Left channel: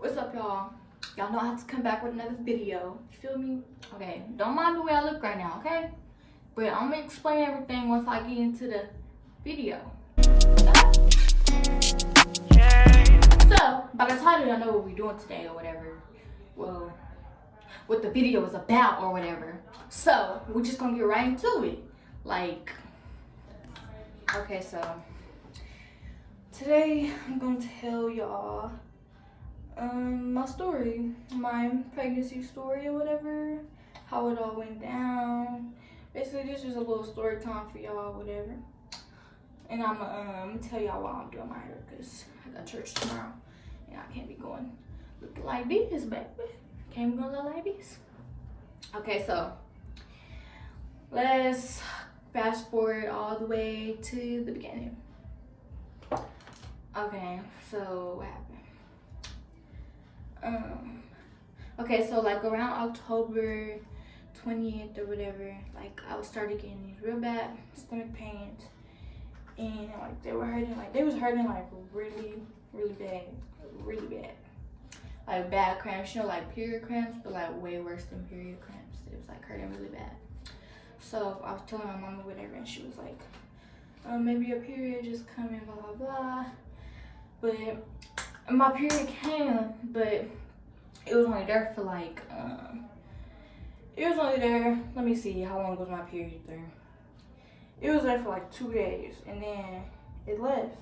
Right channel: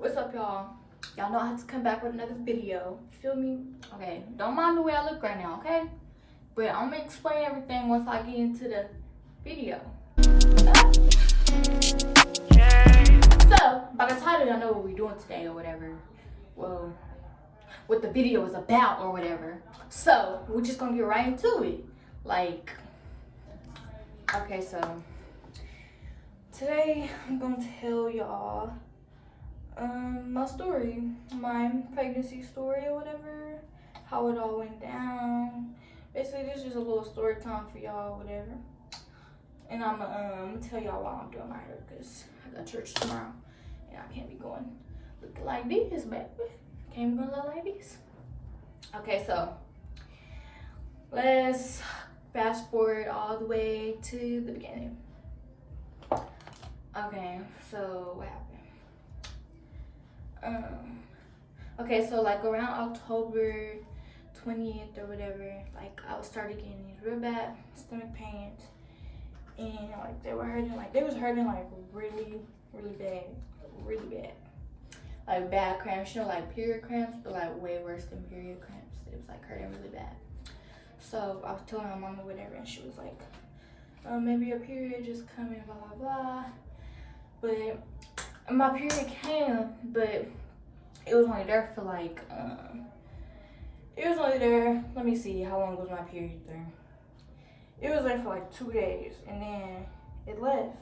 What's up, y'all? Y'all know I have to come back with another video. Feel me? Okay, don't mind the way I look right now, okay? But I'm gonna explain everything once I get into the video. So, by the title, y'all know what we're doing today or whatever. Well, what the video is about or whatever. So, we're just gonna get right into it. Like, okay, so today I'm gonna tell y'all my story, my pregnancy story or whatever, how it all went down. Basically, this is just a little story time for y'all, whatever. And I'm gonna tell y'all why I'm doing my hair, because I got church tomorrow and I can't be going looking like this, baby. Can't be going look like this. Okay, so let's fast forward all the way to the beginning. Okay, so what happened? Okay, so like around October 20th or whatever, like I started getting these real bad stomach pains, and like they was hurting like really bad, like bad cramps, you know, like period cramps, but like way worse than period cramps. It was like hurting really bad. So I was telling my mama whatever, and she was like, maybe your period just coming, blah blah blah. But my period came, but it was only there for like let me see, how long was my period there? It was there for like 2 days, and then it left.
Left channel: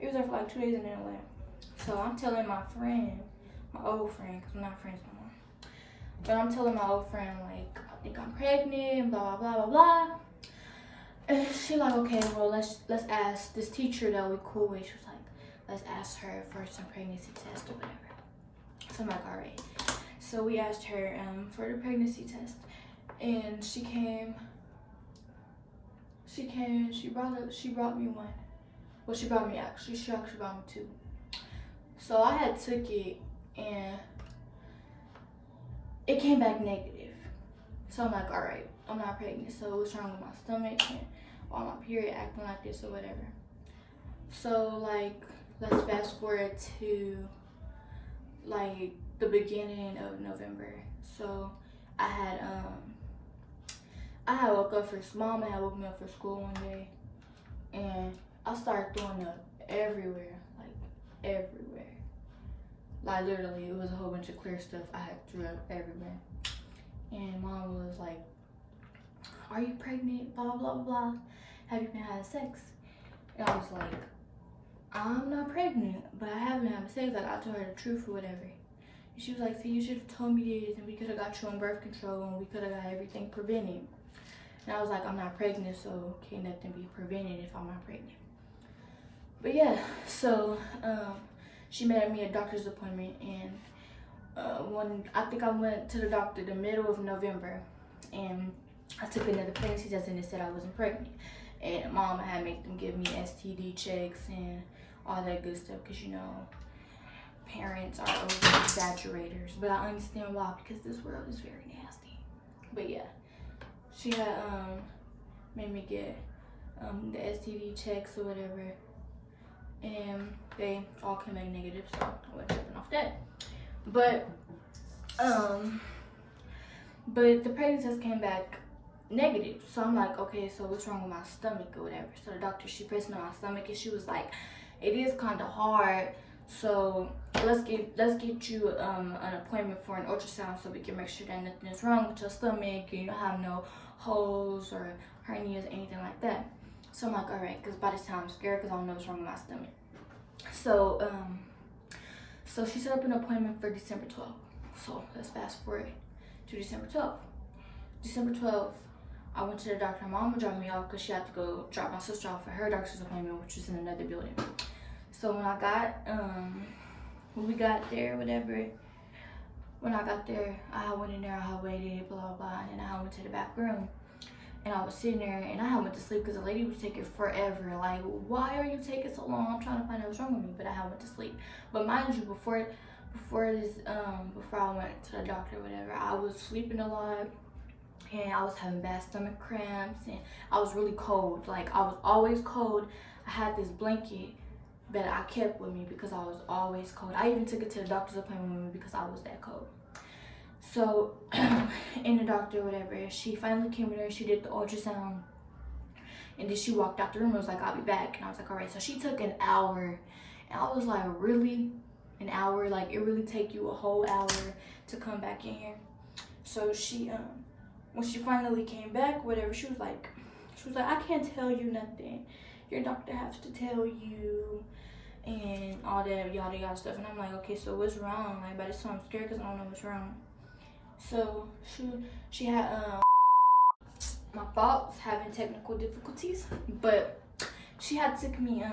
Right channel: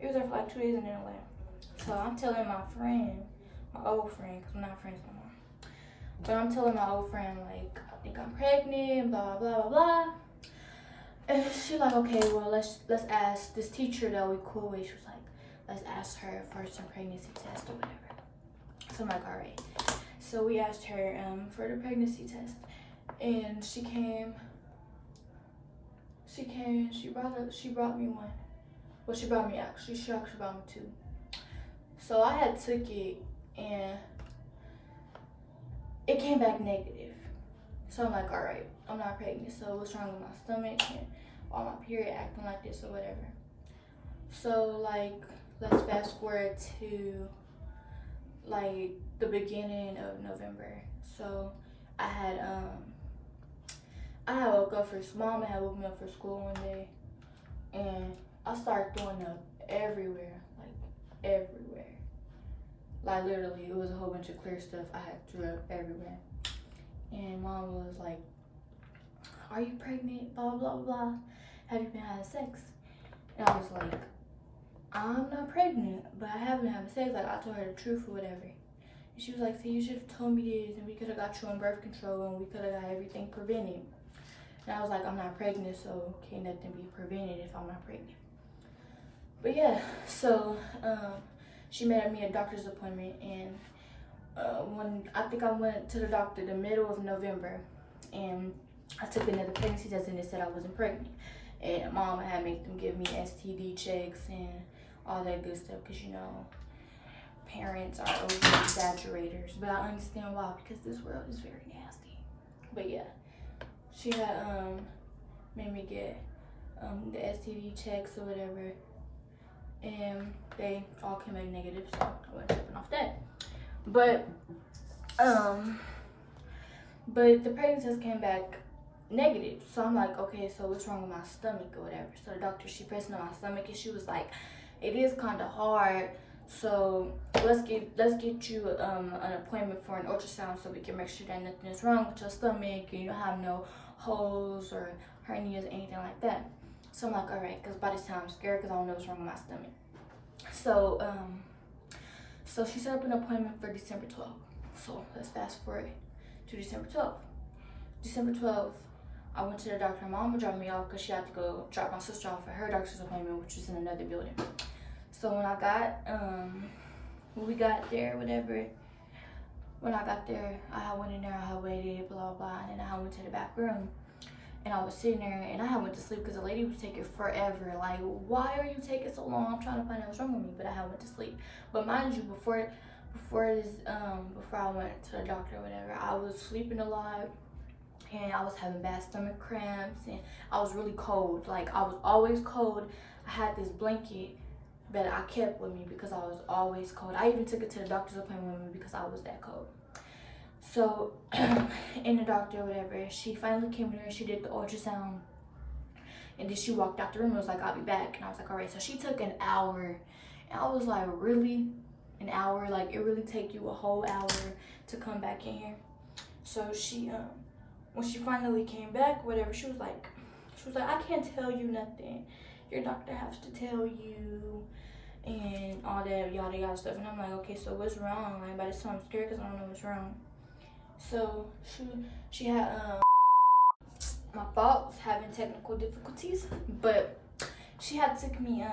It was there for like 2 days and then it left. So I'm telling my friend, my old friend, because I'm not friends no more, but I'm telling my old friend, like, I think I'm pregnant and blah blah blah blah blah. And she's like, okay, well, let's ask this teacher that we cool with. She was like, let's ask her for some pregnancy test or whatever. So I'm like, all right. So we asked her for the pregnancy test, and she brought me one. Well, she actually brought me two. So I had took it, and it came back negative. So I'm like, all right, I'm not pregnant. So what's wrong with my stomach, and why my period acting like this or whatever? So like, let's fast forward to like the beginning of November. So I had woke up for mom had woke me up for school one day, and I started throwing up everywhere. Like literally, it was a whole bunch of clear stuff. I had threw up everywhere. And mom was like, are you pregnant? Blah blah blah. Have you been having sex? And I was like, I'm not pregnant, but I have been having sex. Like, I told her the truth or whatever. And she was like, see, you should have told me this, and we could have got you on birth control, and we could have got everything prevented. And I was like, I'm not pregnant, so can't nothing be prevented if I'm not pregnant. But yeah, so she made me a doctor's appointment, and I think I went to the doctor the middle of November, and I took another pregnancy test, and it said I wasn't pregnant. And mom had made them give me STD checks and all that good stuff, because you know, parents are over exaggerators, but I understand why, because this world is very nasty. But yeah, she had made me get the STD checks or whatever, and they all came back negative, so I wasn't tripping off that. But the pregnancy test came back negative. So I'm like, okay, so what's wrong with my stomach or whatever? So the doctor, she pressed on my stomach, and she was like, it is kind of hard, so let's get you an appointment for an ultrasound, so we can make sure that nothing is wrong with your stomach, and you don't have no holes or hernias or anything like that. So I'm like, all right, because by this time I'm scared, because I don't know what's wrong with my stomach. So so she set up an appointment for December 12th. So let's fast forward to December 12th. December 12th, I went to the doctor. My mom dropped me off because she had to go drop my sister off for her doctor's appointment, which was in another building. So when I got, when we got there, whatever, when I got there, I went in there, I waited, blah, blah, and then I went to the back room, and I was sitting there, and I went to sleep because the lady was taking forever. Like, why are you taking so long? I'm trying to find out what's wrong with me, but I went to sleep. But mind you, before I went to the doctor or whatever, I was sleeping a lot, and I was having bad stomach cramps, and I was really cold. Like, I was always cold. I had this blanket that I kept with me because I was always cold. I even took it to the doctor's appointment with me because I was that cold. So, in the doctor, whatever, she finally came in there, she did the ultrasound, and then she walked out the room and was like, I'll be back. And I was like, all right. So she took an hour, and I was like, really? An hour? Like, it really take you a whole hour to come back in here? So she, when she finally came back, whatever, she was like, I can't tell you nothing. Your doctor has to tell you, and all that yada yada stuff. And I'm like, okay, so what's wrong? Like, by this time I'm scared because I don't know what's wrong. So she had my fault was having technical difficulties, but she had took me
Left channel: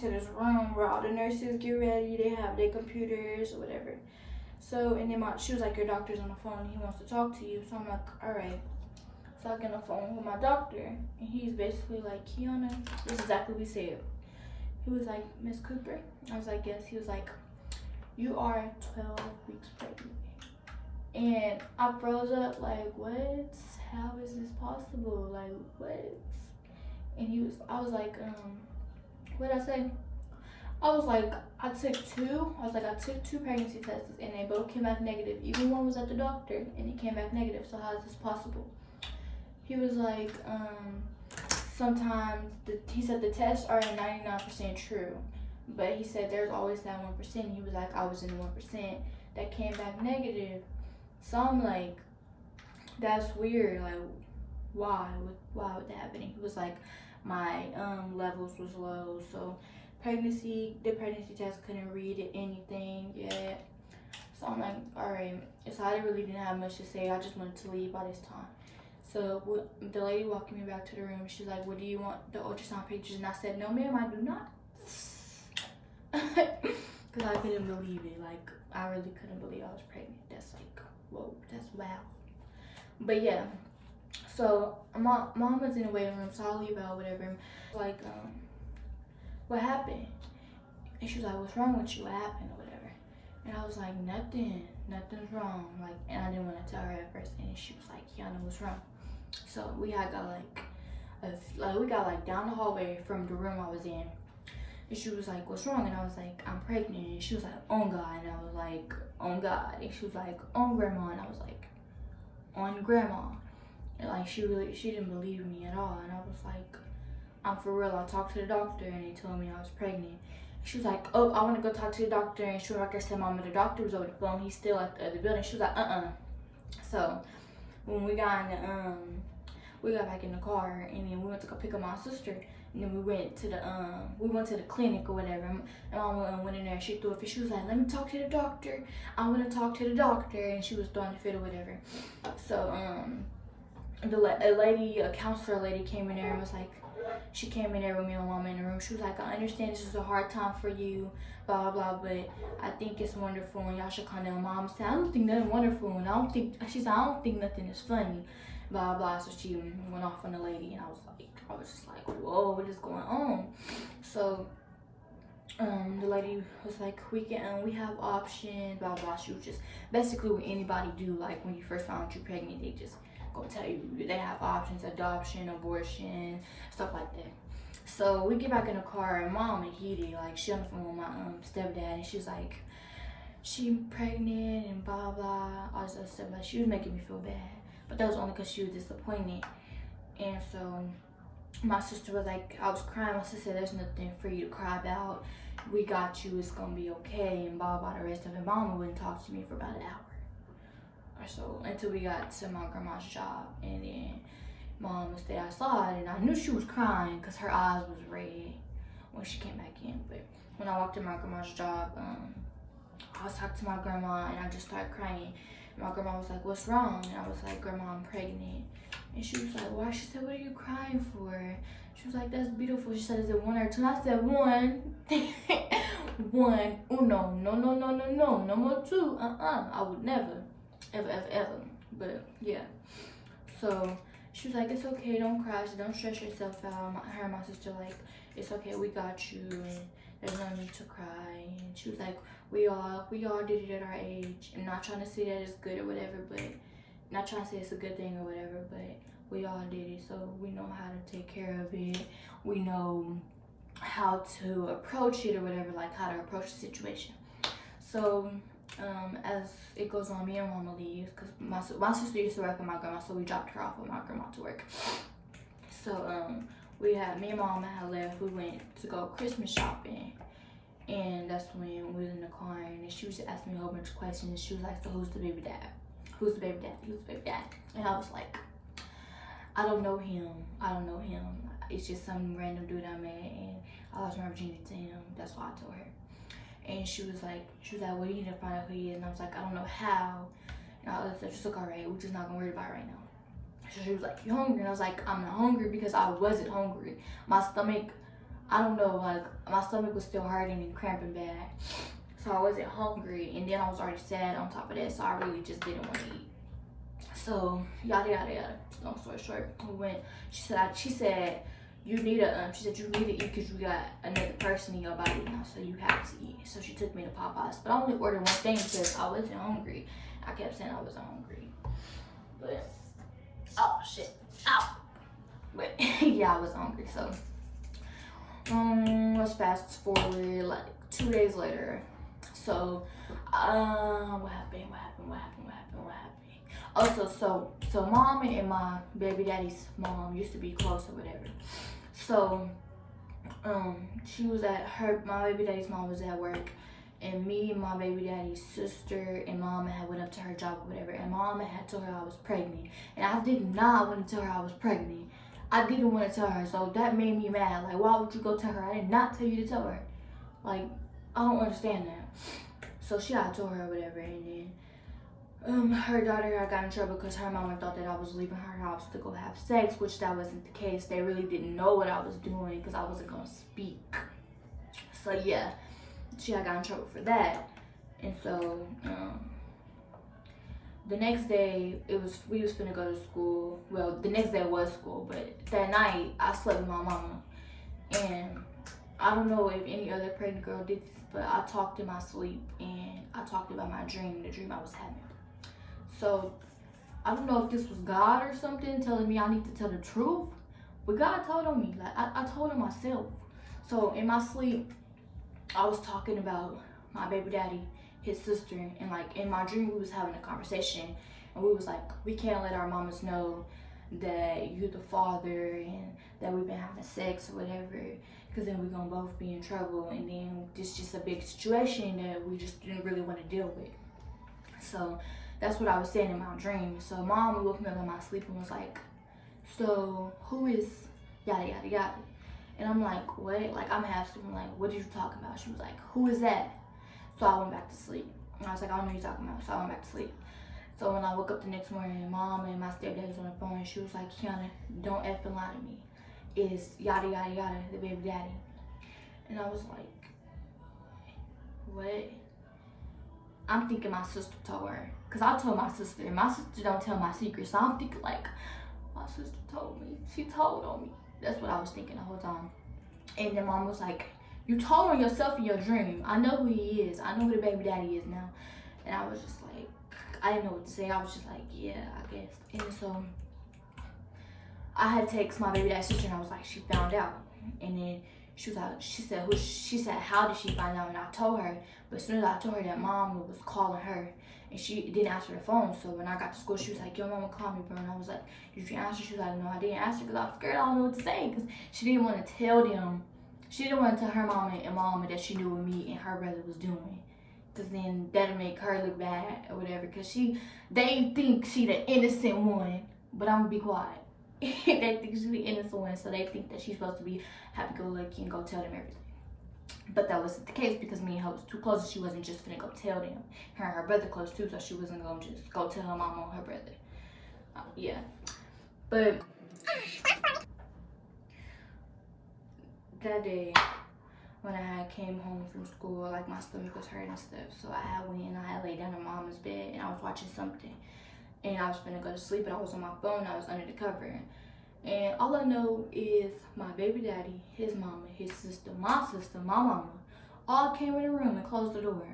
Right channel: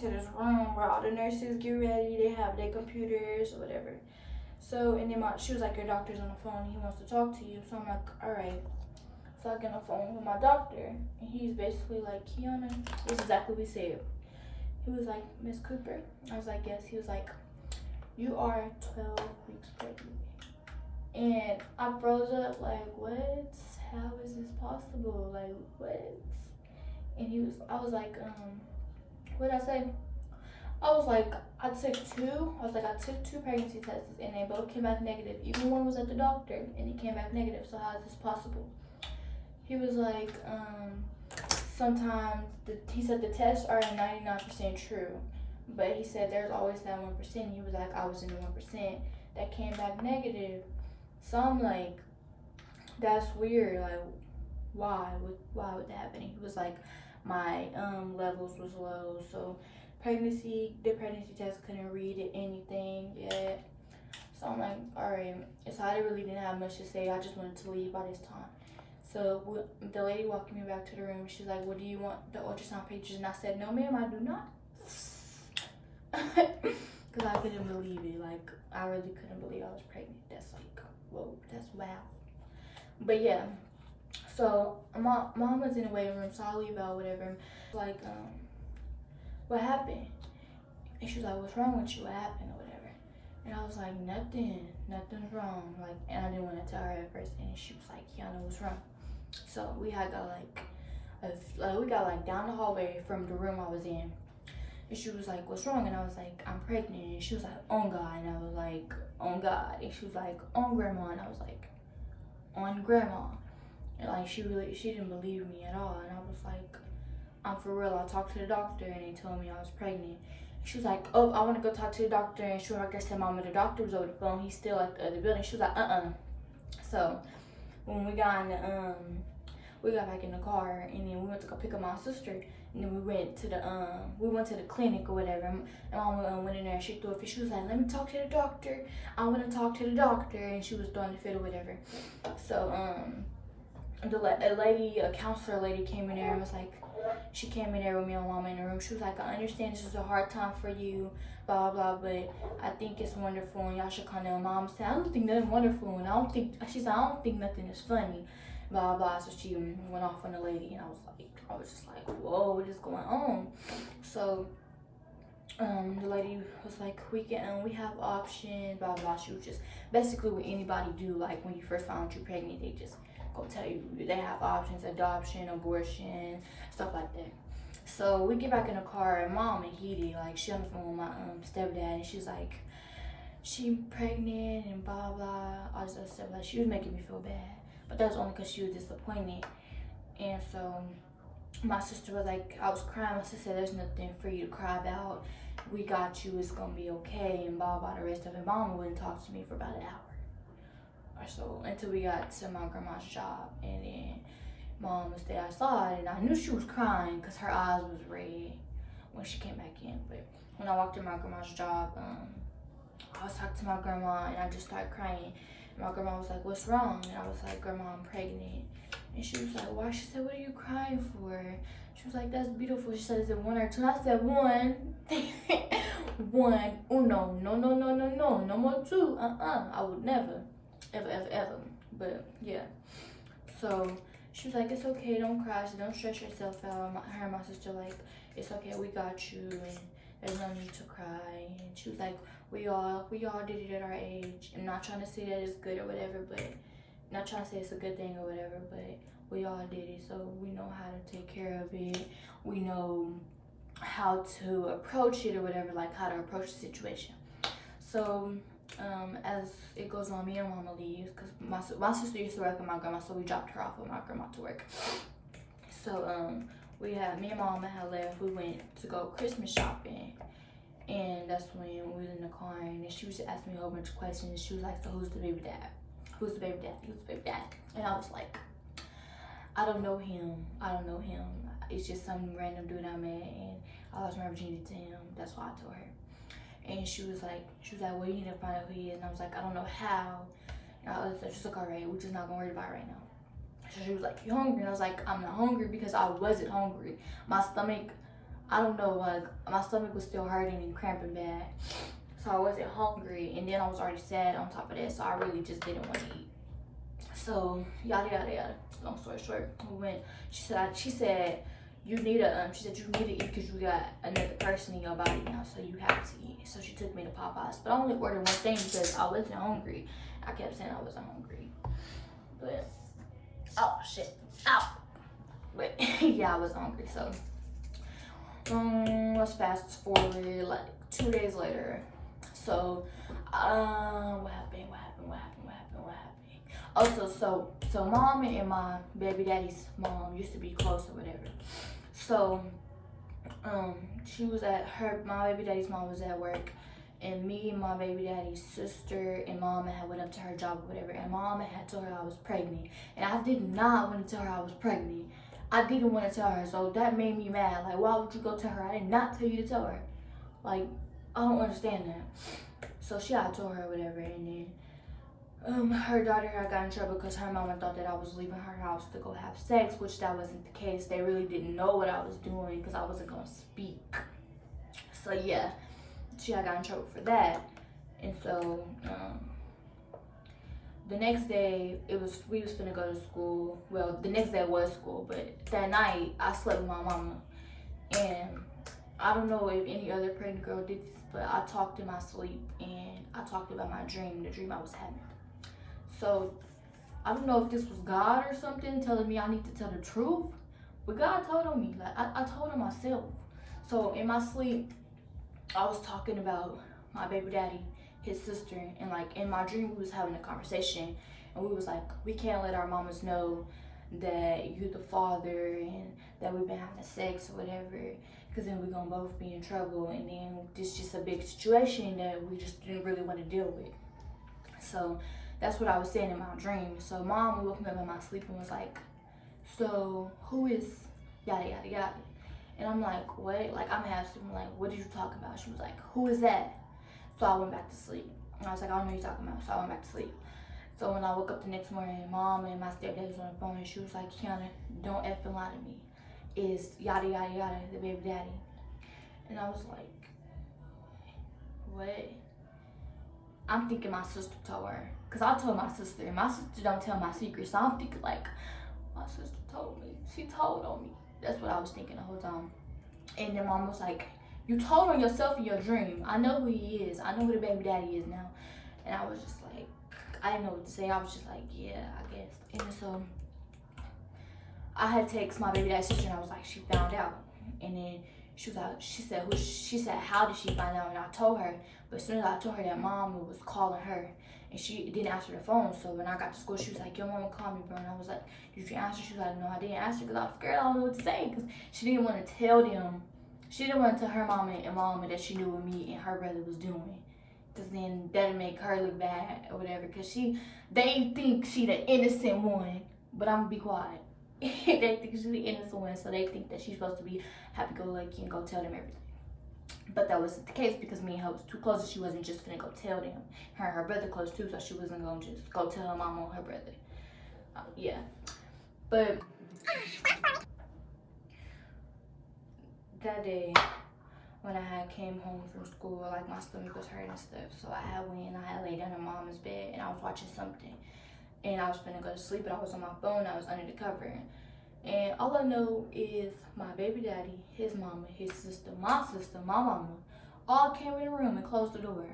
to this room where all the nurses get ready. They have their computers or whatever. So, and then she was like, your doctor's on the phone and he wants to talk to you. So I'm like, all right. So I get on the phone with my doctor, and he's basically like, Kiana, this is exactly what he said. He was like, Miss Cooper. I was like, yes. He was like, you are 12 weeks pregnant. And I froze up like, what? How is this possible? Like, what? And I was like, what did I say? I was like, I took two pregnancy tests, and they both came back negative. Even one was at the doctor, and it came back negative. So how is this possible? He was like, sometimes, he said the tests are 99% true, but he said there's always that 1%. He was like, I was in the 1% that came back negative. So I'm like, that's weird. Like, why would that happen? And he was like, my levels was low, so the pregnancy test couldn't read anything yet. So I'm like, all right. So I really didn't have much to say. I just wanted to leave by this time. So the lady walked me back to the room. She's like, what do you want, the ultrasound pictures? And I said, no ma'am, I do not. Because I couldn't believe it. Like, I really couldn't believe I was pregnant. That's like, whoa, that's wow. But yeah, so my mom was in the waiting room, so I'll leave out whatever. Like, what happened? And she was like, what's wrong with you? What happened or whatever? And I was like, nothing's wrong. Like, and I didn't want to tell her at first. And she was like, Kiana, what's wrong? So we got like down the hallway from the room I was in. And she was like, what's wrong? And I was like, I'm pregnant. And she was like, on God. And I was like, on God. And she was like, on Grandma. And I was like, on Grandma. And like, she didn't believe me at all. And I was like, I'm for real. I talked to the doctor and they told me I was pregnant. She was like, oh, I want to go talk to the doctor. And she was like, I said, Mama, the doctor was over the phone. He's still at the other building. She was like, So when we got back in the car, and then we went to go pick up my sister, and then we went to the clinic or whatever. And Mama went in there. She threw a fit. She was like, let me talk to the doctor. I want to talk to the doctor. And she was throwing the fit or whatever. So a counselor lady came in there and was like, she came in there with me and Mama in the room. She was like, I understand this is a hard time for you, blah blah, but I think it's wonderful and y'all should come down. Mom said, I don't think nothing wonderful, and she said, I don't think nothing is funny, blah blah. So she went off on the lady, and I was just like, whoa, what is going on? So the lady was like, we have options, blah blah. She was just basically what anybody do, like when you first find out you're pregnant, they just gonna tell you they have options: adoption, abortion, stuff like that. So we get back in the car, and Mom and heated, like she on the phone with my stepdad, and she's like, she pregnant and blah blah, all this other stuff. Like, she was making me feel bad, but that was only because she was disappointed. And so my sister was like, I was crying. My sister said, there's nothing for you to cry about. We got you. It's gonna be okay. And blah blah, the rest of it. Mama wouldn't talk to me for about an hour or so until we got to my grandma's job, and then Mom stayed outside, and I knew she was crying because her eyes was red when she came back in. But when I walked to my grandma's job, I was talking to my grandma, and I just started crying. And my grandma was like, what's wrong? And I was like, Grandma, I'm pregnant. And she was like, why? She said, what are you crying for? She was like, that's beautiful. She said, is it 1 or 2? And I said, 1. 1. Uno. No more 2. I would never. Ever. But yeah. So she was like, it's okay, don't cry, so don't stress yourself out. Her and my sister like, it's okay, we got you, and there's no need to cry. And she was like, we all did it at our age. I'm not trying to say that it's good or whatever, but not trying to say it's a good thing or whatever, but we all did it, so we know how to take care of it. We know how to approach it or whatever, like how to approach the situation. So as it goes on, me and mama leaves because my sister used to work with my grandma, so we dropped her off with my grandma to work. So me and mama had left. We went to go Christmas shopping, and that's when we was in the car, and she was asking me a whole bunch of questions. She was like, so who's the baby dad? Who's the baby dad? Who's the baby dad? And I was like, I don't know him. It's just some random dude I met, and I lost my virginity to him. That's why I told her. And she was like, well, you need to find out who he is. And I was like, I don't know how. And I was just like, all right, we're just not gonna worry about it right now. So she was like, you hungry? And I was like, I'm not hungry because I wasn't hungry. My stomach, I don't know, like my stomach was still hurting and cramping bad. So I wasn't hungry, and then I was already sad on top of that, so I really just didn't want to eat. So yada yada yada. Long story short, we went. She said you need to eat because you got another person in your body now, so you have to eat. So she took me to Popeyes, but I only ordered one thing because I wasn't hungry. I kept saying I wasn't hungry, but oh shit, ow. But yeah, I was hungry. So let's fast forward like 2 days later. So what happened? Also, so mom and my baby daddy's mom used to be close or whatever. So she was my baby daddy's mom was at work, and me and my baby daddy's sister and mama had went up to her job or whatever, and mama had told her I was pregnant, and I did not want to tell her I was pregnant. I didn't want to tell her, so that made me mad. Like, why would you go tell her? I did not tell you to tell her. Like, I don't understand that. So I told her whatever, and then her daughter got in trouble because her mama thought that I was leaving her house to go have sex, which that wasn't the case. They really didn't know what I was doing because I wasn't gonna speak. So yeah, she got in trouble for that. And so the next day we was finna go to school. Well, the next day was school, but that night I slept with my mama, and I don't know if any other pregnant girl did this, but I talked in my sleep, and I talked about my dream, the dream I was having. So I don't know if this was God or something telling me I need to tell the truth, but God told on me. Like I told him myself. So in my sleep, I was talking about my baby daddy, his sister, and like in my dream we was having a conversation, and we was like, we can't let our mamas know that you're the father and that we've been having sex or whatever, because then we're gonna both be in trouble, and then this just a big situation that we just didn't really want to deal with. So that's what I was saying in my dream. So mom woke me up in my sleep and was like, so who is yada yada yada? And I'm like, what? Like I'm half asleep. I'm like, what did you talk about? She was like, who is that? So I went back to sleep. And I was like, I don't know what you're talking about. So I went back to sleep. So when I woke up the next morning, mom and my stepdad was on the phone, and she was like, Kiana, don't effing lie to me. Is yada yada yada the baby daddy? And I was like, what? I'm thinking my sister told her, because I told my sister, and my sister don't tell my secrets. So I'm thinking like, my sister told me. She told on me. That's what I was thinking the whole time. And then mom was like, you told on yourself in your dream. I know who he is. I know who the baby daddy is now. And I was just like, I didn't know what to say. I was just like, yeah, I guess. And so I had texted my baby daddy's sister, and I was like, she found out. And then she said, how did she find out? And I told her, but as soon as I told her that mom was calling her, and she didn't answer the phone. So when I got to school, she was like, your mama called me, bro. And I was like, did you answer? She was like, no, I didn't answer because I was scared. I don't know what to say, because she didn't want to tell them. She didn't want to tell her mama and mama that she knew what me and her brother was doing, because then that'd make her look bad or whatever, because they think she the innocent one, but I'm gonna be quiet. They think she's the innocent one, so they think that she's supposed to be happy-go-lucky and go tell them everything. But that wasn't the case, because me and her was too close, and she wasn't just gonna go tell them. Her and her brother close too, so she wasn't gonna just go tell her mama or her brother. Yeah, but that day when I had came home from school, like my stomach was hurting and stuff, so I had went and I had laid down in mama's bed, and I was watching something, and I was finna go to sleep, and I was on my phone. I was under the cover, and all I know is my baby daddy, his mama, his sister, my mama, all came in the room and closed the door.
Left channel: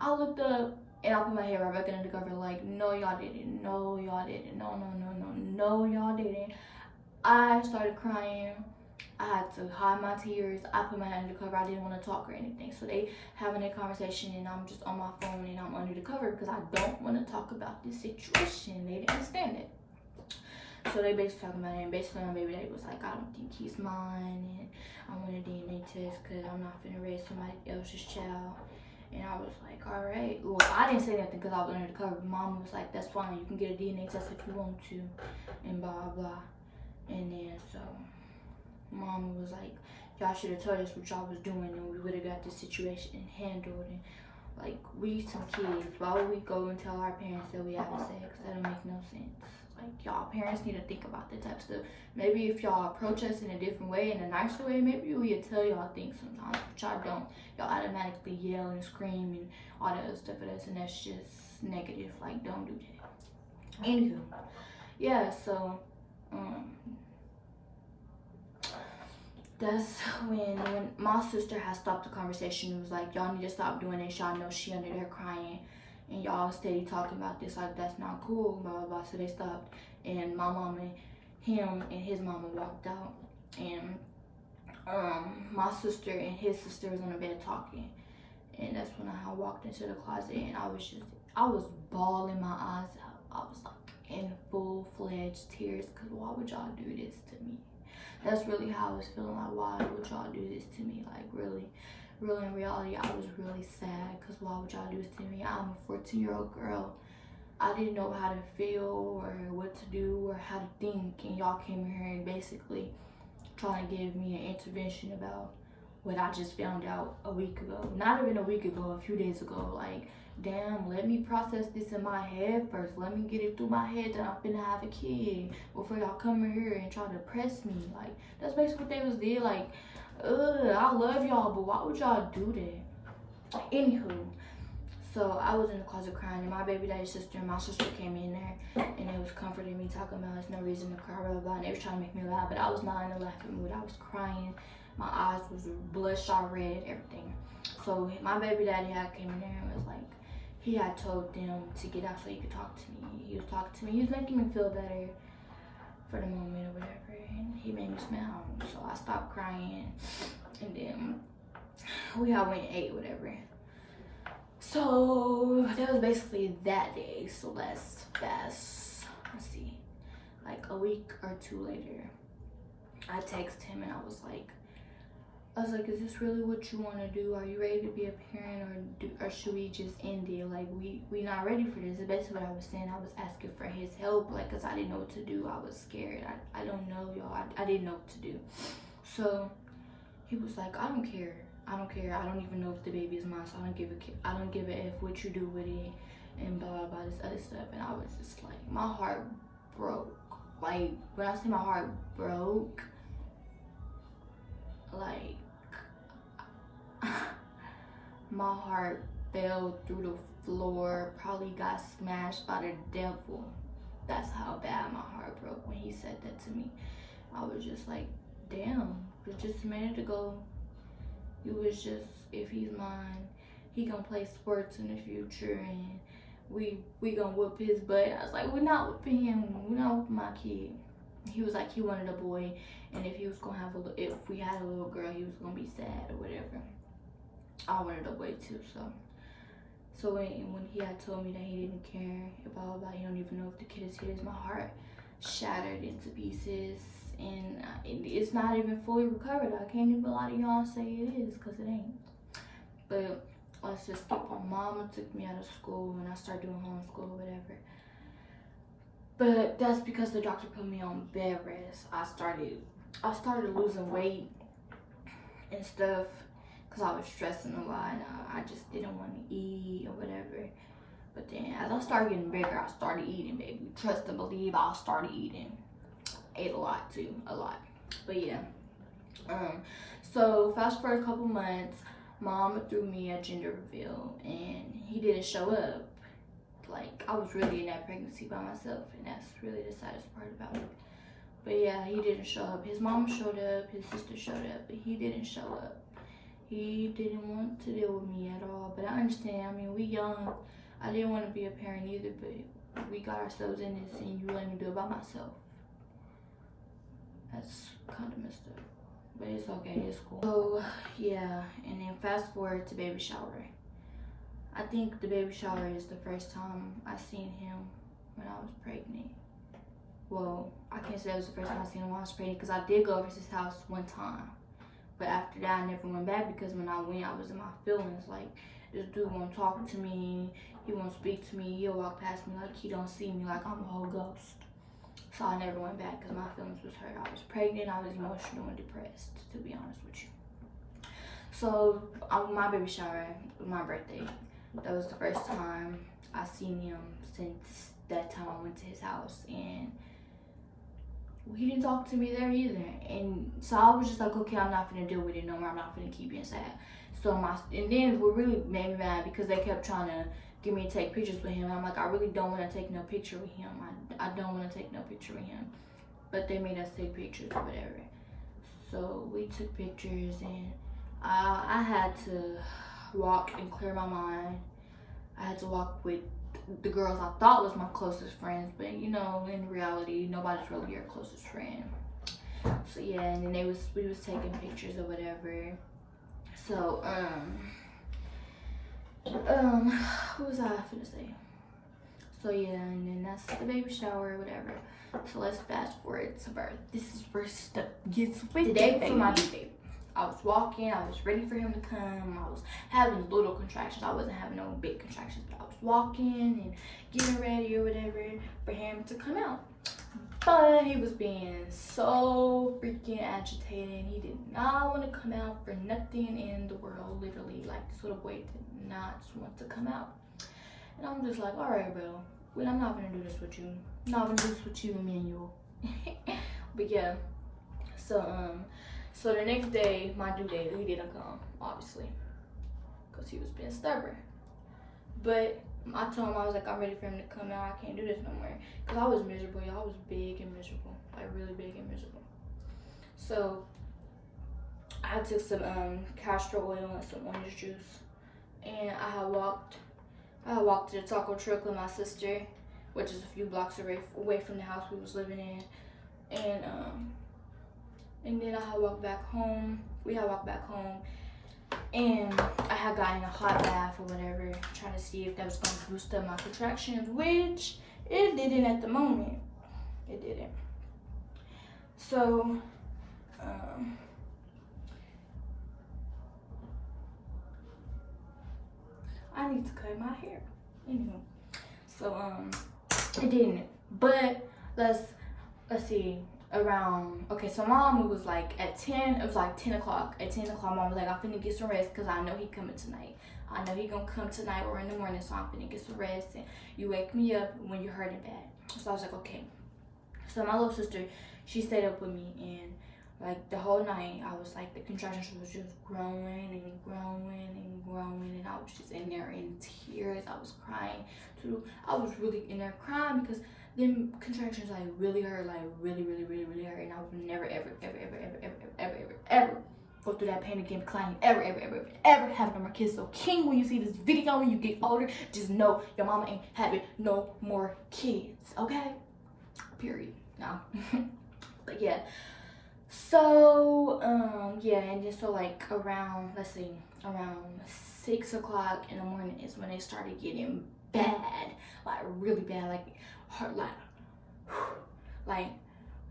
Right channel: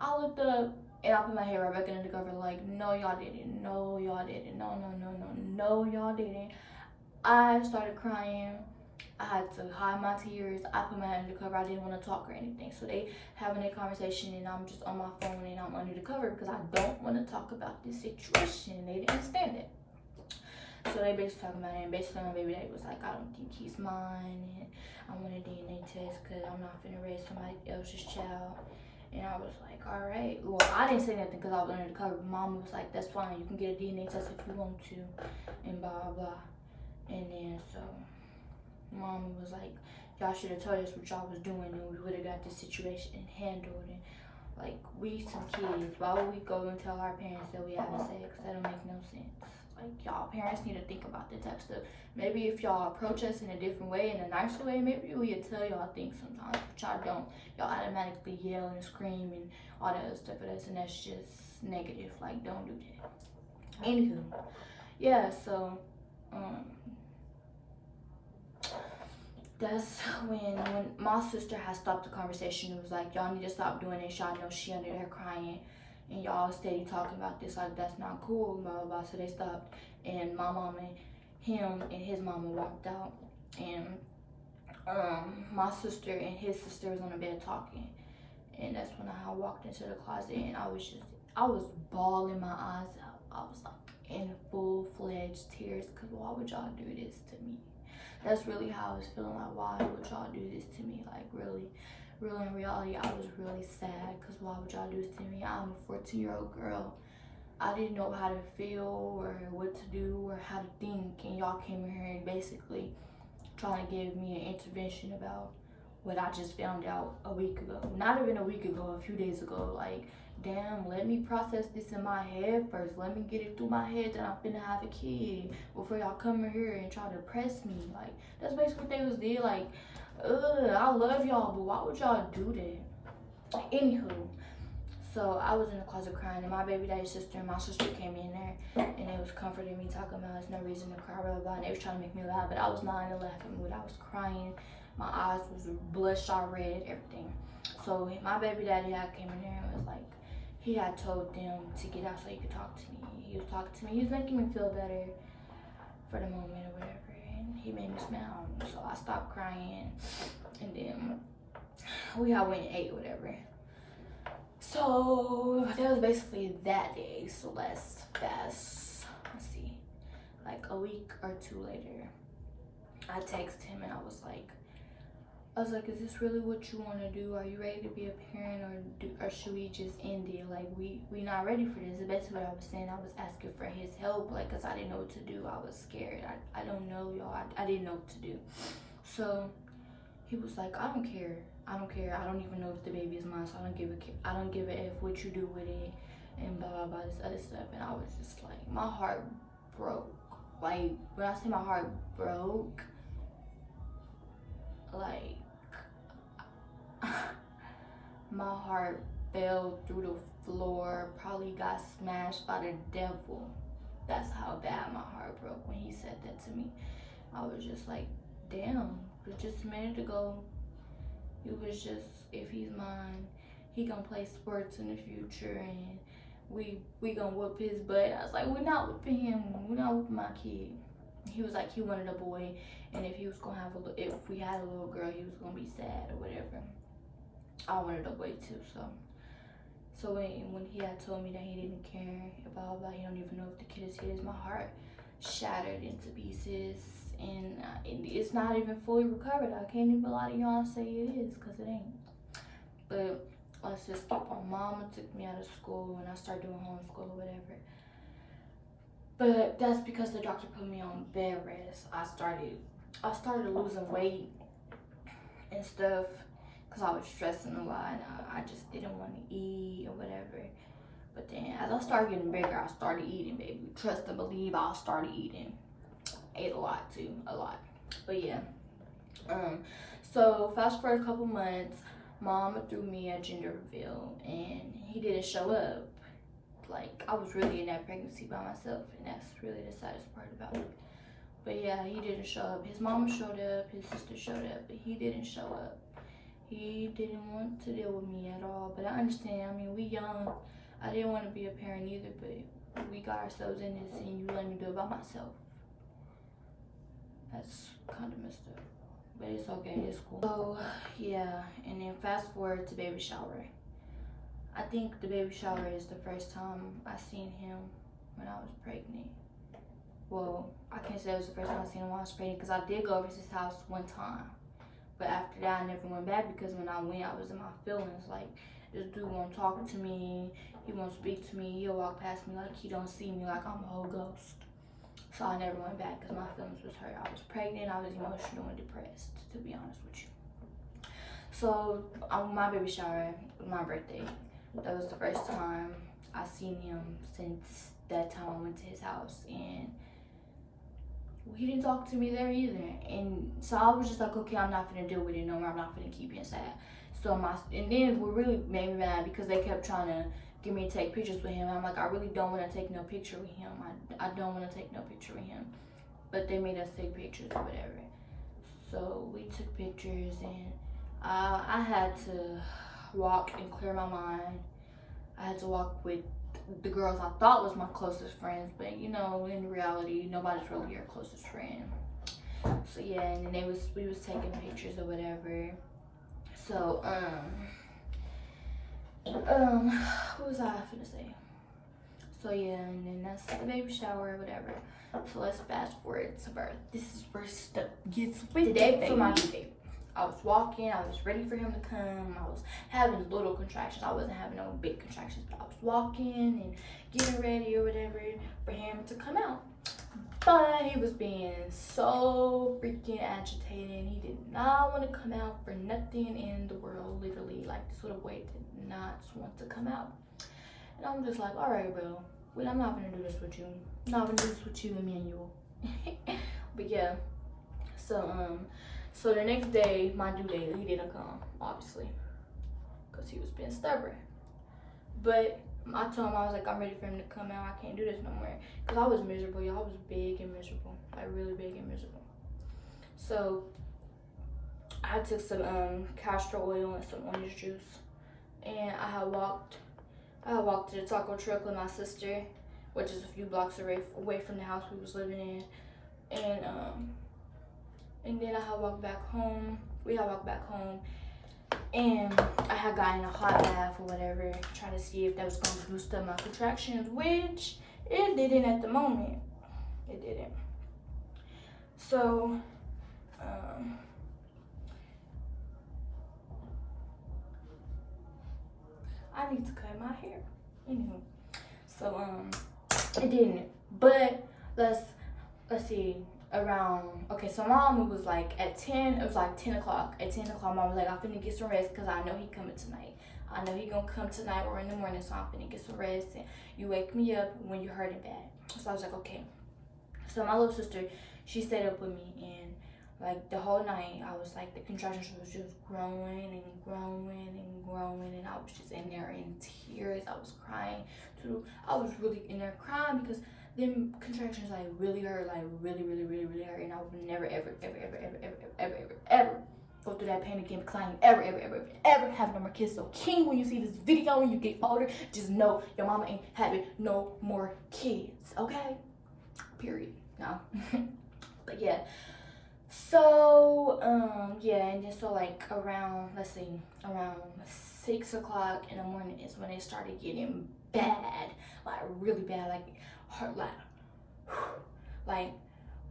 I looked up and I put my head right back under the cover like, no y'all didn't, no y'all didn't, no y'all didn't. I started crying. I had to hide my tears. I put my head under the cover. I didn't want to talk or anything. So they having a conversation and I'm just on my phone and I'm under the cover because I don't want to talk about this situation. They didn't understand it. So they basically talking about it, and basically my baby daddy was like, I don't think he's mine, and I want a DNA test because I'm not finna raise somebody else's child. And I was like, all right. Well, I didn't say nothing because I was under the cover. Mama was like, that's fine. You can get a DNA test if you want to, and blah, blah. And then so Mama was like, y'all should have told us what y'all was doing and we would have got this situation handled. And like, we some kids. Why would we go and tell our parents that we having sex? That don't make no sense. Like, y'all parents need to think about that type of stuff. Maybe if y'all approach us in a different way, in a nicer way, maybe we'll tell y'all things sometimes, but y'all don't. Y'all automatically yell and scream and all that other stuff at us, and that's just negative. Like, don't do that. Anywho, yeah, so that's when my sister had stopped the conversation. It was like, y'all need to stop doing this. Y'all know she under there crying and y'all steady talking about this, like that's not cool, blah blah blah. So they stopped, and my mama, him and his mama walked out, and my sister and his sister was on the bed talking, and that's when I walked into the closet, and I was bawling my eyes out. I was like in full-fledged tears, because why would y'all do this to me? That's really how I was feeling. Like, why would y'all do this to me? Like, really in reality, I was really sad, because why would y'all do this to me? I'm a 14-year-old girl. I didn't know how to feel or what to do or how to think, and y'all came in here and basically trying to give me an intervention about what I just found out a week ago. Not even a week ago, a few days ago. Like, damn, let me process this in my head first. Let me get it through my head that I'm finna have a kid before y'all come in here and try to press me. Like, that's basically what they was did. Like, I love y'all, but why would y'all do that? Anywho, so I was in the closet crying, and my baby daddy's sister and my sister came in there, and they was comforting me, talking about there's no reason to cry, blah blah blah, and they was trying to make me laugh, but I was not in a laughing mood. I was crying, my eyes was bloodshot red, everything. So my baby daddy had came in there and was like, he had told them to get out so he could talk to me. He was talking to me, he was making me feel better for the moment or whatever, and he made me smile. So I stopped crying, and then we all went and ate or whatever. So that was basically that day. So let's see, like a week or two later, I texted him and I was like, is this really what you want to do? Are you ready to be a parent, or should we just end it? Like, we not ready for this. It's basically what I was saying. I was asking for his help, like, because I didn't know what to do. I was scared. I don't know, y'all. I didn't know what to do. So he was like, I don't care. I don't even know if the baby is mine, so I don't give a F what you do with it, and blah blah blah, this other stuff. And I was just like, my heart broke. Like, when I say my heart broke, like, my heart fell through the floor, probably got smashed by the devil. That's how bad my heart broke when he said that to me. I was just like, damn, it was just a minute ago. It was just, if he's mine, he gonna play sports in the future, and we gonna whoop his butt. I was like, we're not whooping him. We're not whooping my kid. He was like, he wanted a boy, and if he was gonna have if we had a little girl, he was gonna be sad or whatever. I wanted a boy too, so when he had told me that he didn't care about he don't even know if the kid is his, my heart shattered into pieces, and it's not even fully recovered. I can't even lie to y'all and say it is, because it ain't. But let's just skip on. Mama took me out of school, and I started doing homeschool or whatever. But that's because the doctor put me on bed rest. I started losing weight and stuff, because I was stressing a lot, and I just didn't want to eat or whatever. But then as I started getting bigger, I started eating, baby. Trust and believe, I started eating. Ate a lot too, a lot. But yeah, so fast forward a couple months, Mom threw me a gender reveal, and he didn't show up. Like, I was really in that pregnancy by myself, and that's really the saddest part about it. But yeah, he didn't show up. His mom showed up, his sister showed up, but he didn't show up. He didn't want to deal with me at all, but I understand. I mean, we young. I didn't want to be a parent either, but we got ourselves in this, and you let me do it by myself. That's kind of messed up. but it's okay, it's cool. So yeah, and then fast forward to baby shower. I think the baby shower is the first time I seen him when I was pregnant. Well, I can't say it was the first time I seen him when I was pregnant, because I did go over to his house one time. But after that, I never went back, because when I went, I was in my feelings. Like, this dude won't talk to me. He won't speak to me. He'll walk past me like he don't see me, like I'm a whole ghost. So I never went back because my feelings was hurt. I was pregnant. I was emotional and depressed, to be honest with you. So my baby shower, my birthday, that was the first time I seen him since that time I went to his house. And he didn't talk to me there either. And so I was just like, okay, I'm not gonna deal with it no more. I'm not gonna keep being sad. So and then what really made me mad, because they kept trying to get me to take pictures with him. I'm like, I really don't want to take no picture with him. I don't want to take no picture with him. But they made us take pictures or whatever. So we took pictures, and I had to walk and clear my mind. I had to walk with the girls I thought was my closest friends, but you know, in reality, nobody's really your closest friend. So yeah, and then we was taking pictures or whatever. So what was I finna say? So yeah, and then that's the baby shower or whatever. So let's fast forward to birth. This is where stuff gets with the day before my due date. I was walking, I was ready for him to come. I was having little contractions. I wasn't having no big contractions, but I was walking and getting ready or whatever for him to come out. But he was being so freaking agitated. He did not want to come out for nothing in the world, literally. Like, this little boy did not want to come out. And I'm just like, all right, bro. Well, I'm not gonna do this with you. I'm not gonna do this with you, Emmanuel. But yeah, so the next day, my due date, he didn't come, obviously, because he was being stubborn. But I told him, I was like, I'm ready for him to come out. I can't do this no more. Because I was miserable, y'all. I was big and miserable. Like, really big and miserable. So I took some castor oil and some orange juice. And I had walked to the taco truck with my sister, which is a few blocks away from the house we was living in. And then I had walked back home. We had walked back home. And I had gotten a hot bath or whatever, trying to see if that was going to boost up my contractions, which it didn't at the moment. It didn't. So, I need to cut my hair. Anywho, so it didn't. But let's see. Around, okay, so mom was like at 10, it was like 10 o'clock. At 10 o'clock, mom was like, I'm finna get some rest, because I know he coming tonight. I know he gonna come tonight or in the morning, so I'm finna get some rest, and you wake me up when you're hurting bad. So I was like, okay. So my little sister, she stayed up with me, and like the whole night, I was like, the contractions was just growing and growing and growing, and I was just in there in tears. I was crying too. I was really in there crying, because them contractions like really hurt, like really hurt, and I would never ever go through that pain again, because I ain't ever have no more kids. So King, when you see this video, when you get older, just know your mama ain't having no more kids, okay? Period. No. But yeah. So yeah, and then so like around, let's see, around 6 o'clock in the morning is when they started getting bad, like really bad, like hurt, like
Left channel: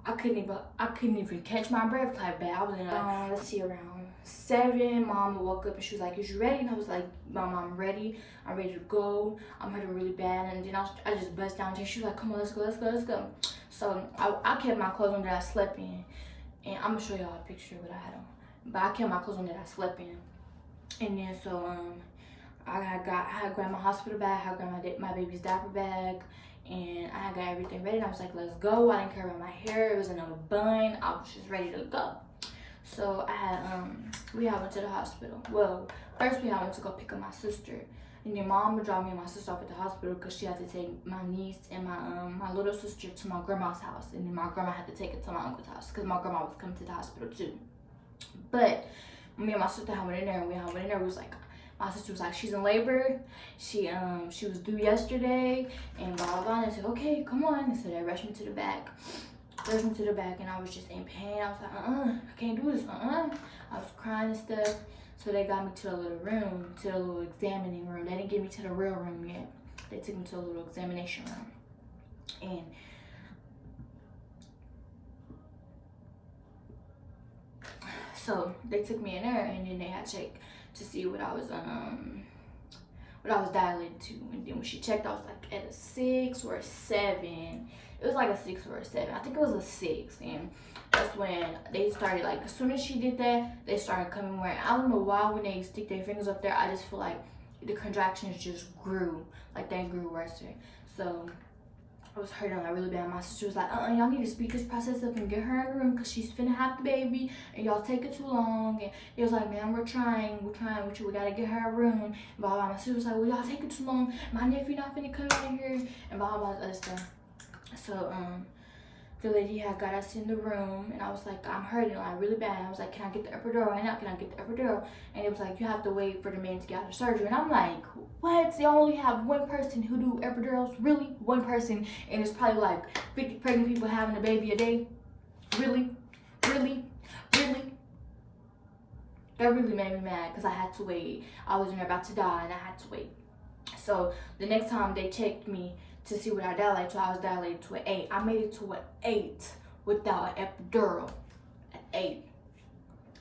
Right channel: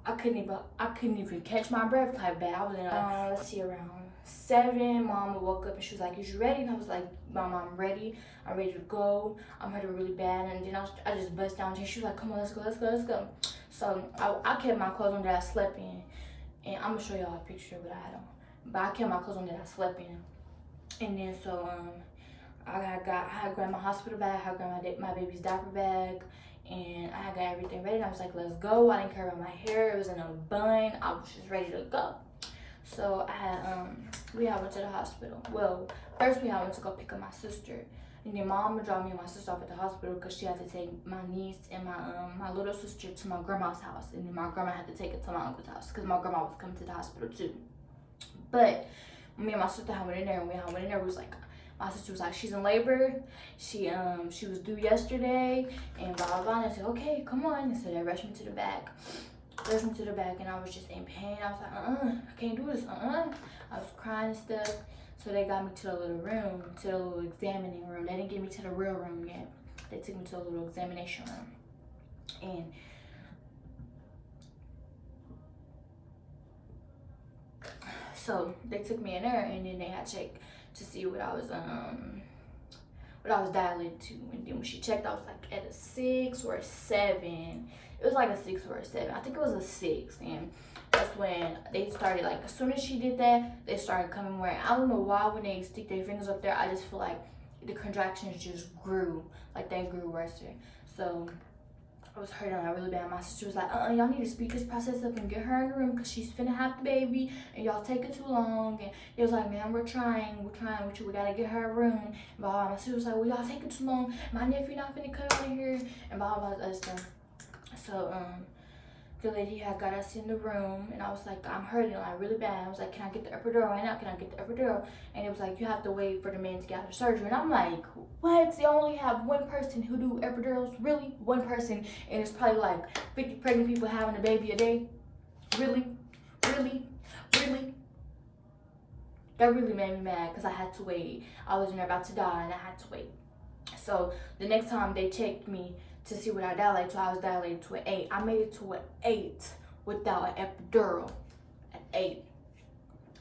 I couldn't even catch my breath type bad. I was in let's see, around 7, mom woke up and she was like, is you ready? And I was like, mom, I'm ready to go. I'm hurting really bad. And then I just bust down, and she was like, come on, let's go. So I kept my clothes on that I slept in, and I'm gonna show y'all a picture of what I had on, but I kept my clothes on that I slept in. And then so I had grabbed my hospital bag, I grabbed my baby's diaper bag, and I got everything ready, and I was like, let's go. I didn't care about my hair, it was in a bun, I was just ready to go. So I had we had went to the hospital. Well, first we had went to go pick up my sister, and then mom would drop me and my sister off at the hospital, because she had to take my niece and my little sister to my grandma's house, and then my grandma had to take it to my uncle's house, because my grandma was coming to the hospital too. But me and my sister went in there, and we was like, my sister was like, she's in labor. She was due yesterday, and blah blah blah. And I said, okay, come on. And so they rushed me to the back. Led me to the back, and I was just in pain. I was like, I can't do this, I was crying and stuff. So they got me to a little room, to a little examining room. They didn't get me to the real room yet. They took me to a little examination room. And so they took me in there, and then they had to check to see what I was dilated to. And then when she checked, I was like at a 6 or a 7. It was like a 6 or a 7. I think it was a 6. And that's when they started, like, as soon as she did that, they started coming more. I don't know why when they stick their fingers up there, I just feel like the contractions just grew, like they grew worse. So I was hurting like really bad. My sister was like, y'all need to speed this process up and get her in the room because she's finna have the baby and y'all take it too long. And it was like, man, we're trying with you. We gotta get her a room. And blah, blah. My sister was like, well, y'all take it too long. My nephew not finna come out here. And blah, blah, blah, stuff. So, the lady had got us in the room, and I was like, I'm hurting like really bad. I was like, can I get the epidural right now? Can I get the epidural? And it was like, you have to wait for the man to get out of surgery. And I'm like, what? They only have one person who do epidurals? Really? One person? And it's probably like 50 pregnant people having a baby a day? Really? Really? Really? That really made me mad because I had to wait. I was in there about to die, and I had to wait. So the next time they checked me to see what I dilated to, I was dilated to an 8. I made it to an 8 without an epidural. An 8.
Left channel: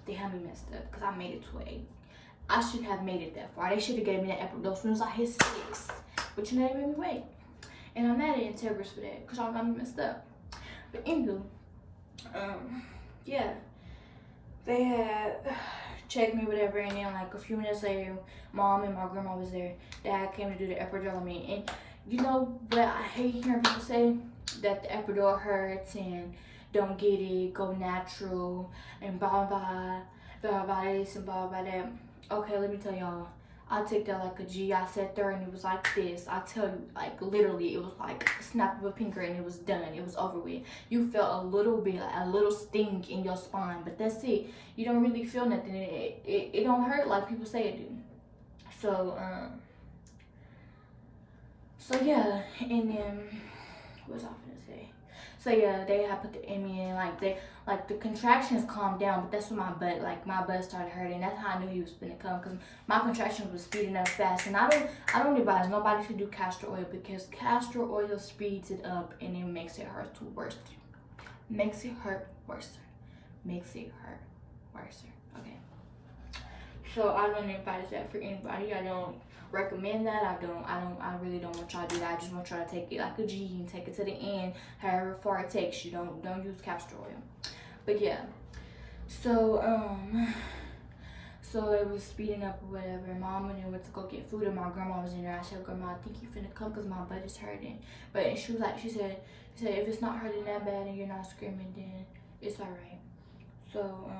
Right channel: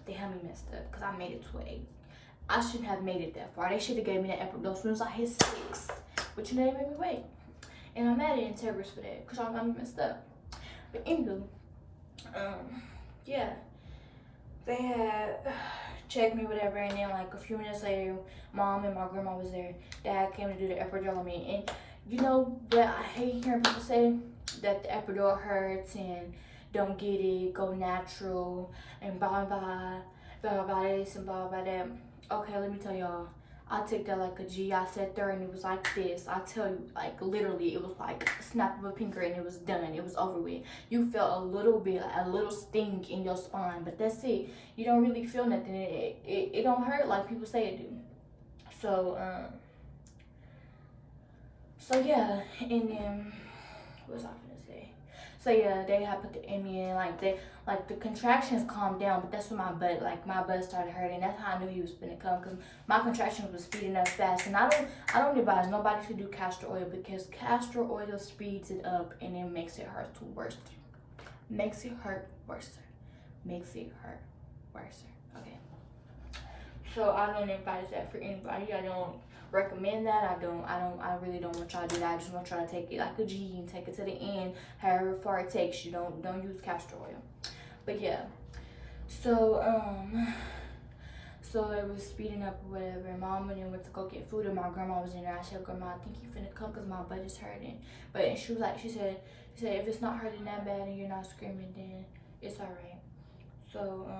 They had me messed up because I made it to an 8. I shouldn't have made it that far. They should have gave me that epidural as soon as I hit 6. But you know, they made me wait. And I'm mad at Integris for that because y'all got me messed up. But anywho, yeah. They had checked me, whatever, and then like a few minutes later, mom and my grandma was there. Dad came to do the epidural on me. And you know what I hate hearing people say? That the epidural hurts and don't get it, go natural, and blah blah blah blah this and blah blah that. Okay, let me tell y'all. I took that like a G. I sat there and it was like this. I tell you, like literally, it was like a snap of a finger and it was done. It was over with. You felt a little bit, like a little sting in your spine, but that's it. You don't really feel nothing. It don't hurt like people say it do. So yeah, and then what was I gonna say? So yeah, they had put the Emmy in, like the contractions calmed down, but that's when my butt started hurting. That's how I knew he was gonna come, because my contractions was speeding up fast. And I don't advise nobody to do castor oil, because castor oil speeds it up and it makes it hurt worse. Makes it hurt worse. Makes it hurt worse. Okay. So I don't advise that for anybody. I don't recommend that. I really don't want y'all to do that. I just want y'all to take it like a G and take it to the end, however far it takes you. Don't use castor oil. But yeah, so it was speeding up or whatever. Mom and then went to go get food, and my grandma was in there. I said, Grandma, I think you finna come because my butt is hurting. But she was like, she said if it's not hurting that bad and you're not screaming, then it's all right. So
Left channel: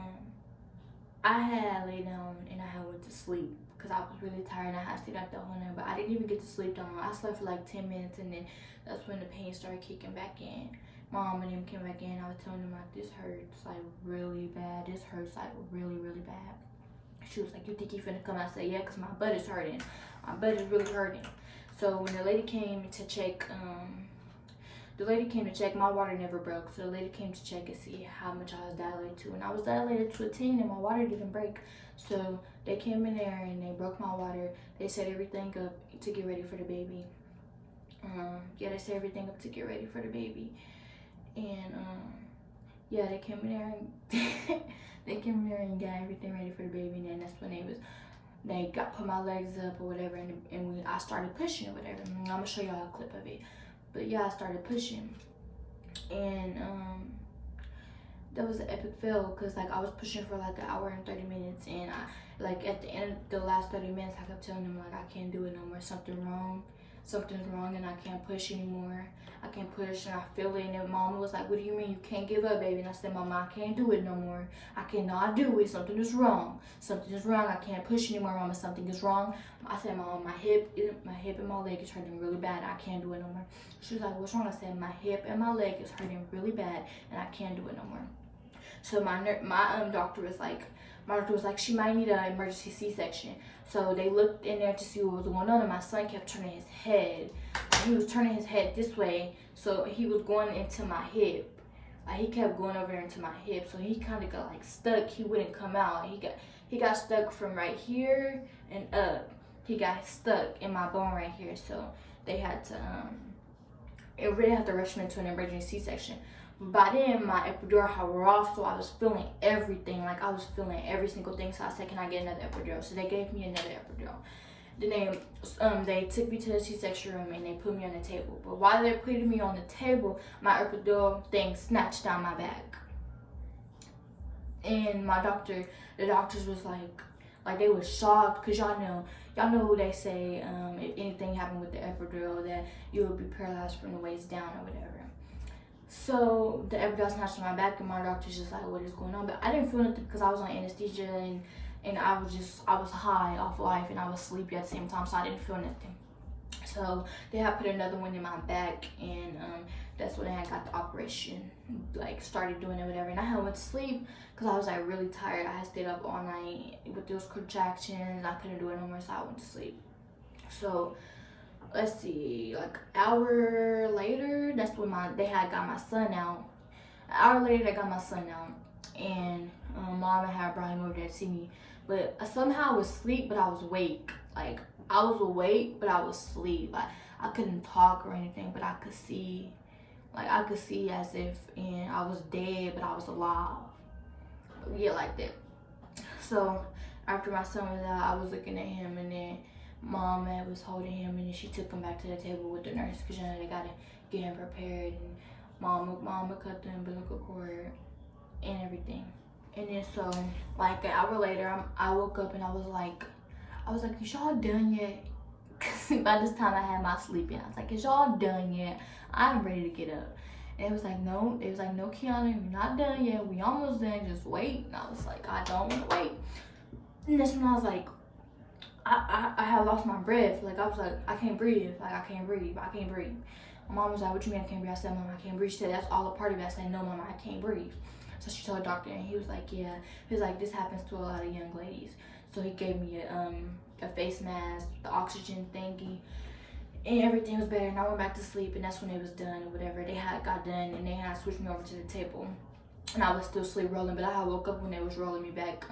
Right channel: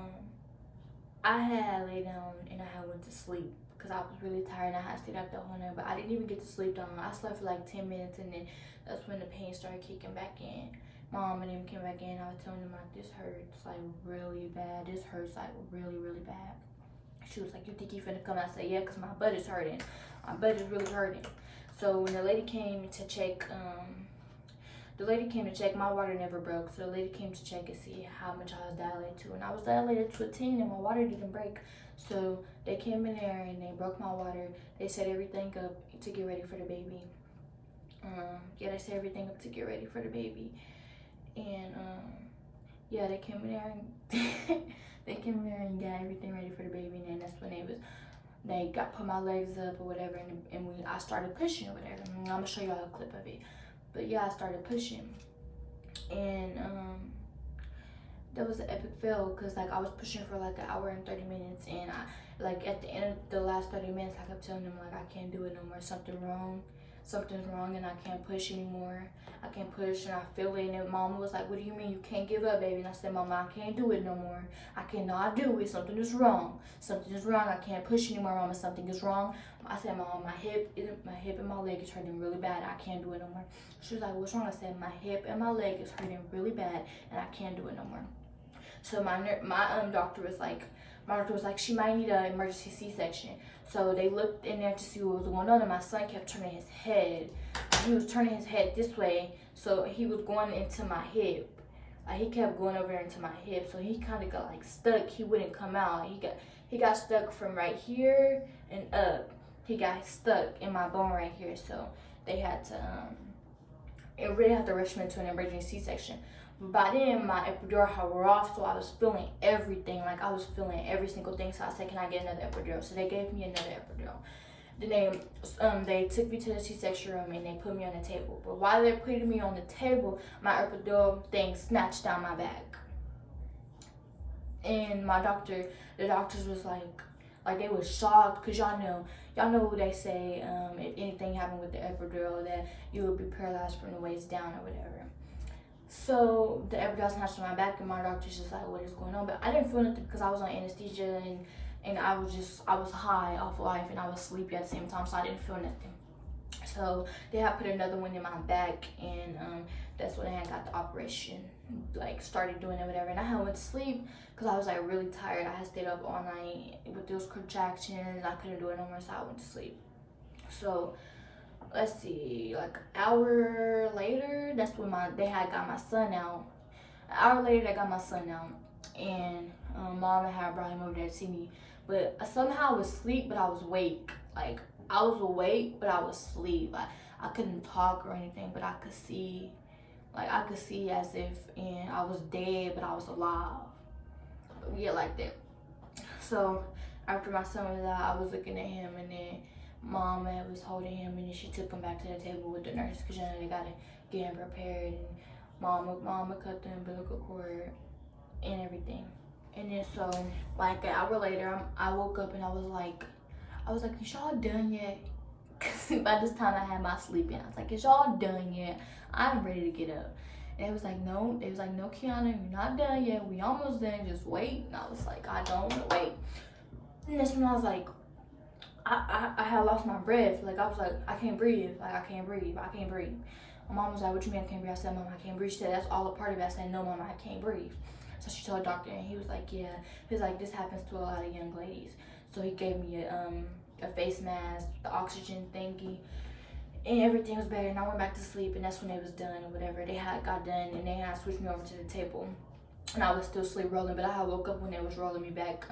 I had laid down and I had went to sleep because I was really tired and I had stayed out the whole night. But I didn't even get to sleep down. I slept for like 10 minutes, and then that's when the pain started kicking back in. Mom and them came back in. I was telling them like, this hurts like really bad. This hurts like really, really bad. She was like, you think you finna come? I said, yeah, because my butt is hurting. My butt is really hurting. So when the lady came to check, my water never broke. So the lady came to check and see how much I was dilated to. And I was dilated to a 10 and my water didn't break. So they came in there and they broke my water. They set everything up to get ready for the baby. Yeah, they set everything up to get ready for the baby. And yeah, they came in there and and got everything ready for the baby. And then that's when they put my legs up or whatever, and I started pushing or whatever. I'm gonna show y'all a clip of it. But yeah, I started pushing, and that was an epic fail, because like I was pushing for like an hour and 30 minutes, and I like at the end of the last 30 minutes, I kept telling them like, I can't do it no more. Something's wrong, and I can't push anymore. I can't push, and I feel it. And Mama was like, what do you mean you can't give up, baby? And I said, Mama, I can't do it no more. I cannot do it. Something is wrong. Something is wrong. I can't push anymore, Mama. Something is wrong. I said, Mama, my hip and my leg is hurting really bad. I can't do it no more. She was like, what's wrong? I said, my hip and my leg is hurting really bad, and I can't do it no more. So my doctor was like, she might need an emergency C-section. So they looked in there to see what was going on, and my son kept turning his head. He was turning his head this way, so he was going into my hip. Like he kept going over there into my hip, so he kind of got like stuck. He wouldn't come out. He got stuck from right here and up. He got stuck in my bone right here, so they had to it really had to rush me into an emergency C-section. But by then my epidural had wore off, so I was feeling everything. Like I was feeling every single thing. So I said, can I get another epidural? So they gave me another epidural. Then they took me to the C-section room and they put me on the table. But while they're putting me on the table, my epidural thing snatched down my back. And the doctors was like they was shocked, because y'all know who they say, if anything happened with the epidural, that you would be paralyzed from the waist down or whatever. So the epidural snatched on my back, and my doctor's just like, what is going on? But I didn't feel nothing because I was on anesthesia, and I was high off life, and I was sleepy at the same time, so I didn't feel nothing. So they had put another one in my back, and that's when I had got the operation, like started doing it, whatever. And I had went to sleep because I was like really tired. I had stayed up all night with those contractions. I couldn't do it no more, so I went to sleep. So let's see, like an hour later, that's when they had got my son out. An hour later, they got my son out, and mom had brought him over there to see me. But somehow I was asleep, but I was awake. Like I was awake, but I was asleep. Like I couldn't talk or anything, but I could see. Like I could see as if I was dead, but I was alive. But yeah, like that. So after my son was out, I was looking at him, and then mom was holding him, and then she took him back to the table with the nurse, because they gotta get him prepared. And mama cut the umbilical cord and everything. And then so like an hour later, I woke up and I was like, is y'all done yet? Cause by this time I had my sleep in. I was like, is y'all done yet? I'm ready to get up. And it was like, no. It was like, no, Kiana, you're not done yet. We almost done. Just wait. And I was like, I don't want to wait. And that's when I was like, I had lost my breath. Like I was like, I can't breathe. Like I can't breathe. I can't breathe. My mom was like, what you mean I can't breathe? I said, Mama, I can't breathe. She said, that's all a part of it. I said, no, Mama, I can't breathe. So she told the doctor, and he was like, yeah. He was like, this happens to a lot of young ladies. So he gave me a face mask, the oxygen thingy, and everything was better. And I went back to sleep, and that's when it was done or whatever. They had got done, and they had switched me over to the table, and I was still sleep rolling. But I had woke up when they was rolling me back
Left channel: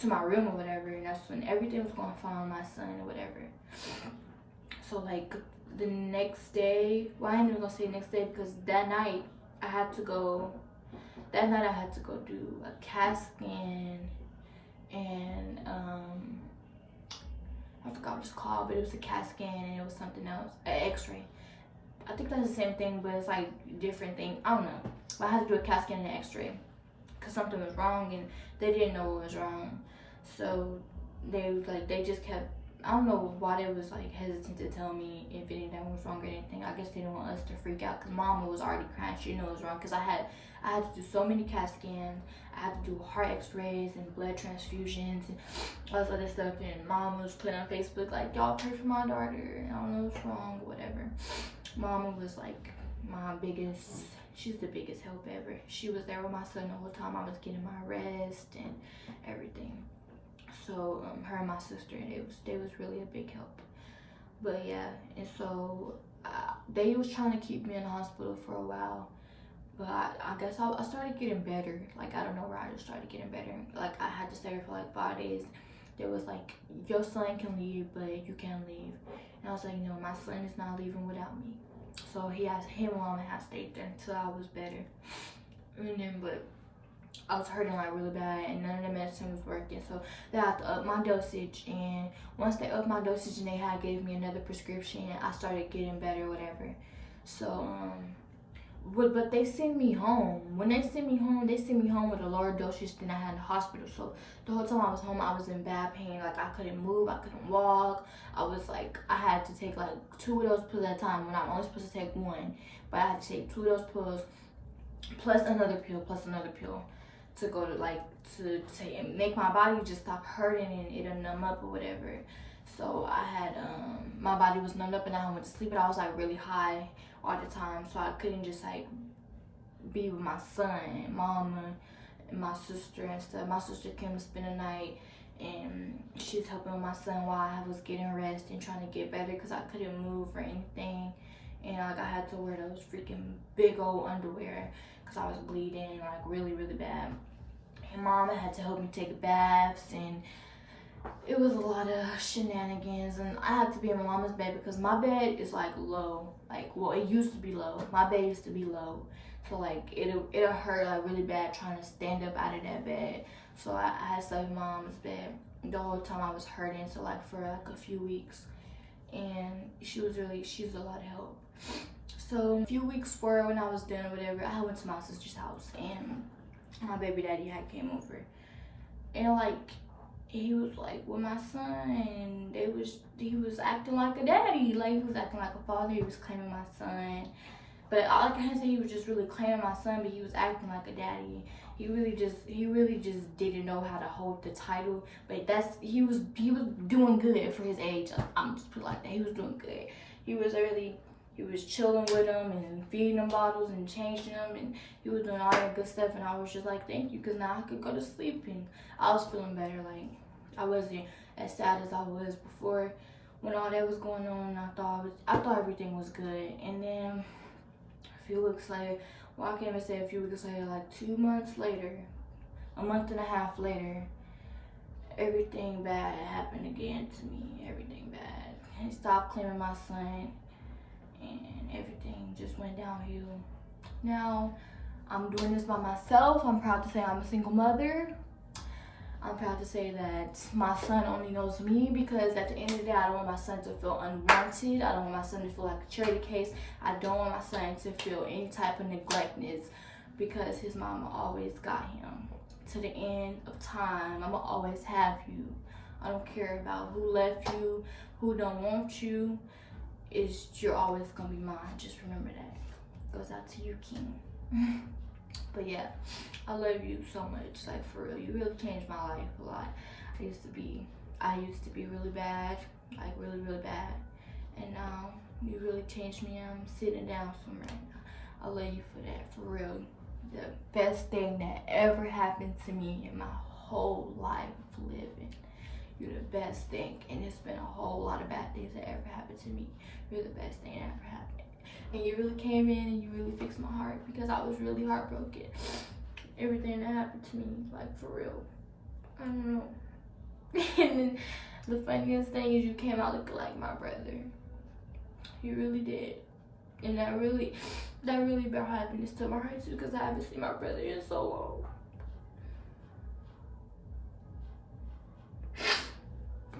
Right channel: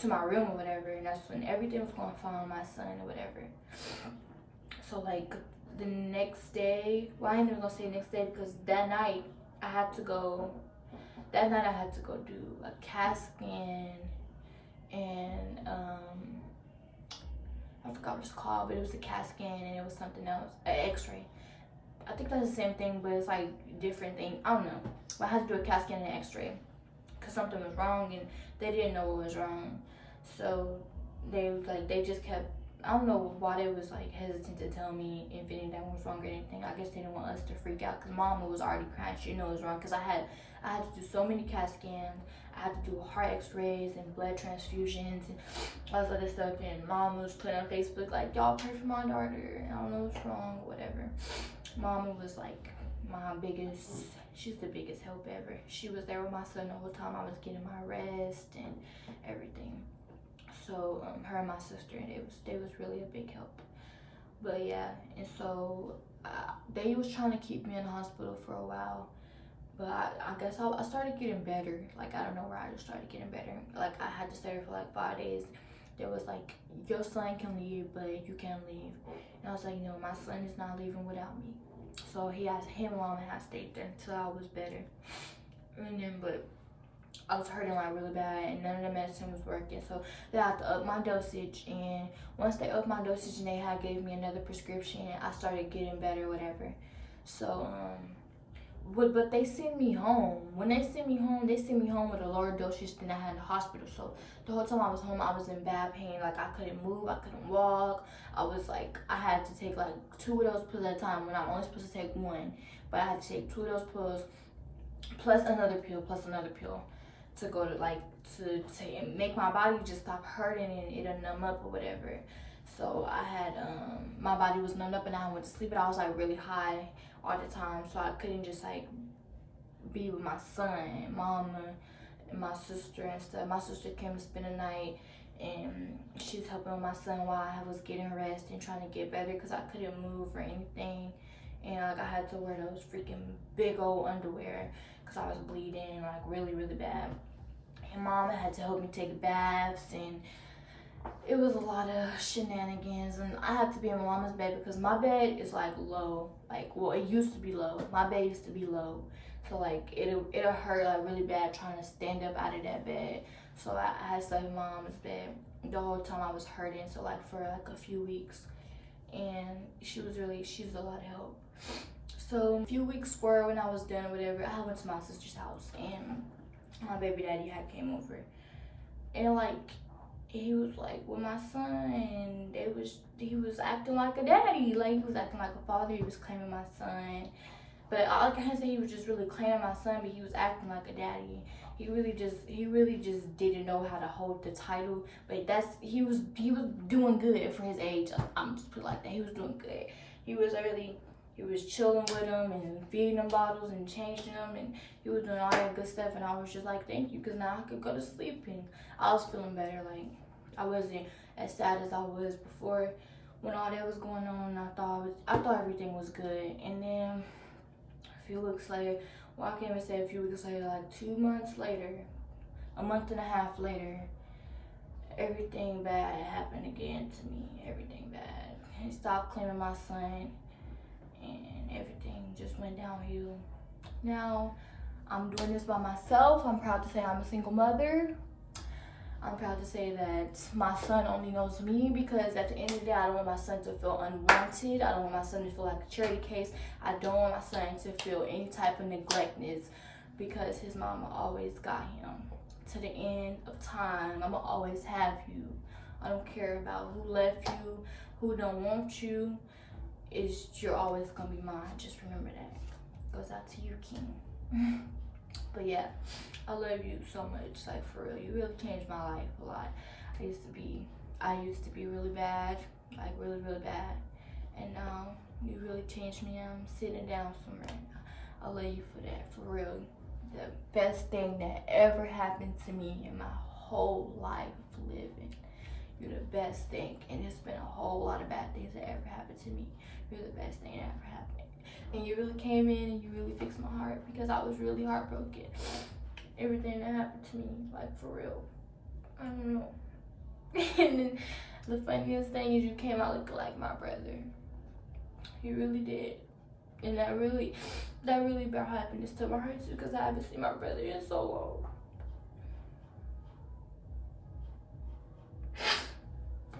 to my room or whatever, and that's when everything was going fine with my son or whatever. So like the next day, well, I ain't even gonna say next day, because that night I had to go do a CAT scan, and I forgot what it's called, but it was a CAT scan, and it was something else, an x-ray. I think that's the same thing, but it's like different thing. I don't know. But I had to do a CAT scan and an x-ray because something was wrong, and they didn't know what was wrong. So they just kept, I don't know why they was like hesitant to tell me if anything was wrong or anything. I guess they didn't want us to freak out, because mama was already crying. She knew it was wrong, because I had to do so many CAT scans. I had to do heart x-rays and blood transfusions and all this other stuff. And mom was putting on Facebook like, y'all pray for my daughter. I don't know what's wrong, whatever. Mama was like she's the biggest help ever. She was there with my son the whole time I was getting my rest and everything. So her and my sister, they was really a big help. But yeah, and so they was trying to keep me in the hospital for a while, but I guess I started getting better. Like I don't know where I just started getting better. Like I had to stay there for like 5 days. They was like, your son can leave, but you can't leave. And I was like, no, my son is not leaving without me. So him and mama had stayed there until I was better. And then, but I was hurting like really bad, and none of the medicine was working. So they had to up my dosage, and once they upped my dosage and they had gave me another prescription, I started getting better, whatever. So but they sent me home. When they sent me home with a lower dosage than I had in the hospital. So the whole time I was home, I was in bad pain. Like I couldn't move, I couldn't walk. I was like, I had to take like 2 of those pills at a time when I'm only supposed to take 1. But I had to take 2 of those pills plus another pill to go to like to make my body just stop hurting and it'll numb up or whatever. So I had my body was numbed up, and I went to sleep, but I was like really high all the time, so I couldn't just like be with my son, mama, and my sister and stuff. My sister came to spend the night, and she was helping with my son while I was getting rest and trying to get better, because I couldn't move or anything. and like I had to wear those freaking big old underwear because I was bleeding like really bad. And Mama had to help me take baths, and it was a lot of shenanigans. And I had to be in my mama's bed because my bed is like low, like, well, it used to be low. My bed used to be low, so like it'll hurt like really bad trying to stand up out of that bed. So I had to sleep in my mama's bed the whole time I was hurting, so like for like a few weeks. And she's a lot of help. So a few weeks for when I was done or whatever, I went to my sister's house, and my baby daddy had came over, and like he was like with my son, and he was acting like a daddy, like he was acting like a father. He was claiming my son, but I can't say he was just really claiming my son, but he was acting like a daddy. He really just didn't know how to hold the title, but he was doing good for his age. I'm just put it like that. He was doing good. He was chilling with him and feeding him bottles and changing them, and he was doing all that good stuff. And I was just like, thank you, because now I could go to sleep, and I was feeling better. Like I wasn't as sad as I was before when all that was going on. I thought everything was good, and then a few weeks later. Well, I can't even say a few weeks later, like 2 months later, a month and a half later, everything bad happened again to me. Everything bad. He stopped claiming my son, and everything just went downhill. Now, I'm doing this by myself. I'm proud to say I'm a single mother. I'm proud to say that my son only knows me, because at the end of the day, I don't want my son to feel unwanted. I don't want my son to feel like a charity case. I don't want my son to feel any type of neglectness, because his mama always got him. To the end of time, I'ma always have you. I don't care about who left you, who don't want you. You're always gonna be mine. Just remember that. Goes out to you, King. But yeah, I love you so much, like for real. You really changed my life a lot. I used to be really bad, like really bad, and now you really changed me. I'm sitting down somewhere right now. I love you for that, for real. The best thing that ever happened to me in my whole life of living. You're the best thing, and it's been a whole lot of bad things that ever happened to me. You're the best thing that ever happened. And you really came in and you really fixed my heart, because I was really heartbroken. Everything that happened to me, like for real. I don't know. And then the funniest thing is you came out looking like my brother. You really did. And that really brought happiness to my heart too, because I haven't seen my brother in so long.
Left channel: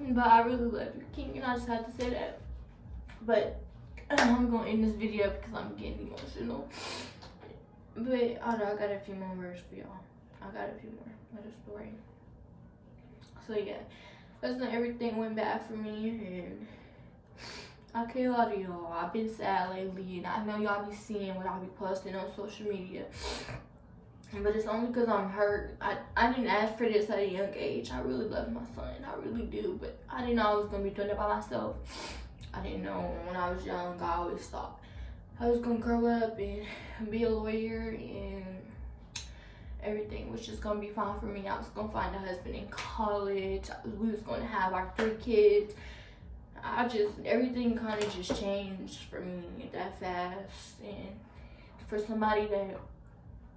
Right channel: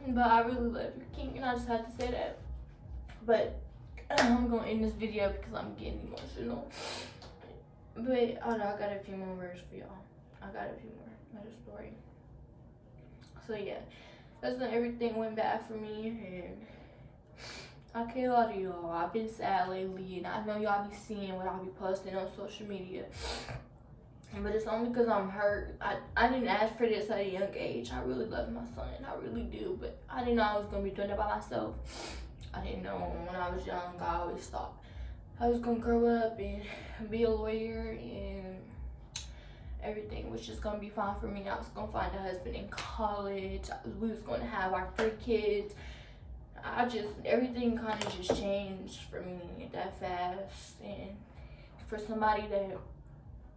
But I really love you, King, and I just had to say that. But I'm gonna end this video because I'm getting emotional. But I got a few more words for y'all. I got a few more. Another story. So yeah, that's when everything went bad for me, and I can't lie to y'all. I've been sad lately, and I know y'all be seeing what I be posting on social media. But it's only because I'm hurt. I didn't ask for this at a young age. I really love my son. I really do. But I didn't know I was going to be doing it by myself. I didn't know when I was young. I always thought I was going to grow up and be a lawyer, and everything was just going to be fine for me. I was going to find a husband in college. We was going to have our 3 kids. Everything kind of just changed for me that fast. And for somebody that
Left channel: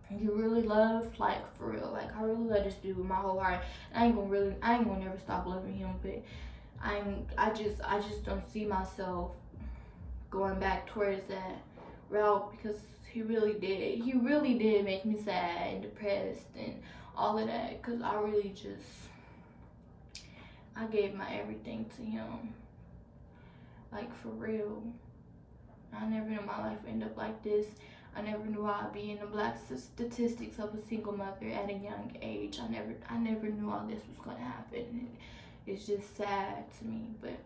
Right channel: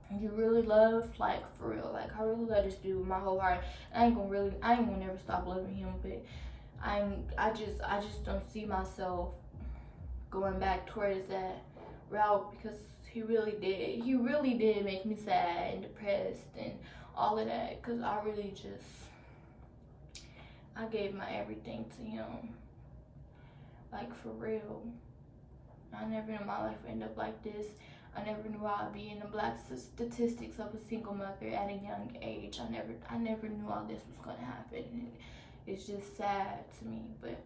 you really love, like for real, like I really love this dude with my whole heart. I ain't gonna never stop loving him, but I just don't see myself going back towards that route, because he really did make me sad and depressed and all of that, because I gave my everything to him, like for real. I never knew my life would end up like this. I never knew I'd be in the black statistics of a single mother at a young age. I never knew all this was gonna happen. And it's just sad to me, but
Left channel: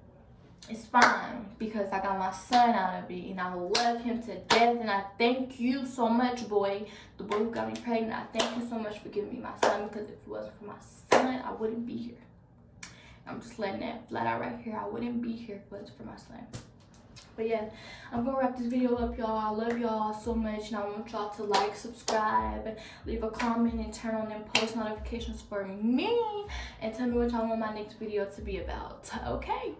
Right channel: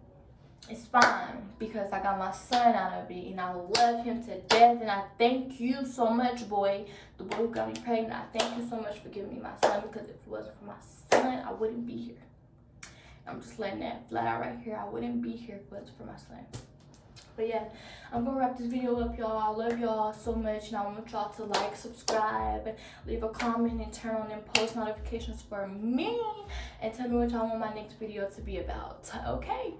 it's fine, because I got my son out of it, and I love him to death. And I thank you so much, boy, the boy who got me pregnant. I thank you so much for giving me my son, because if it wasn't for my son, I wouldn't be here. I'm just letting that flat out right here. I wouldn't be here if it wasn't for my son. But yeah, I'm gonna wrap this video up, y'all. I love y'all so much, and I want y'all to like, subscribe, leave a comment, and turn on them post notifications for me, and tell me what y'all want my next video to be about. Okay.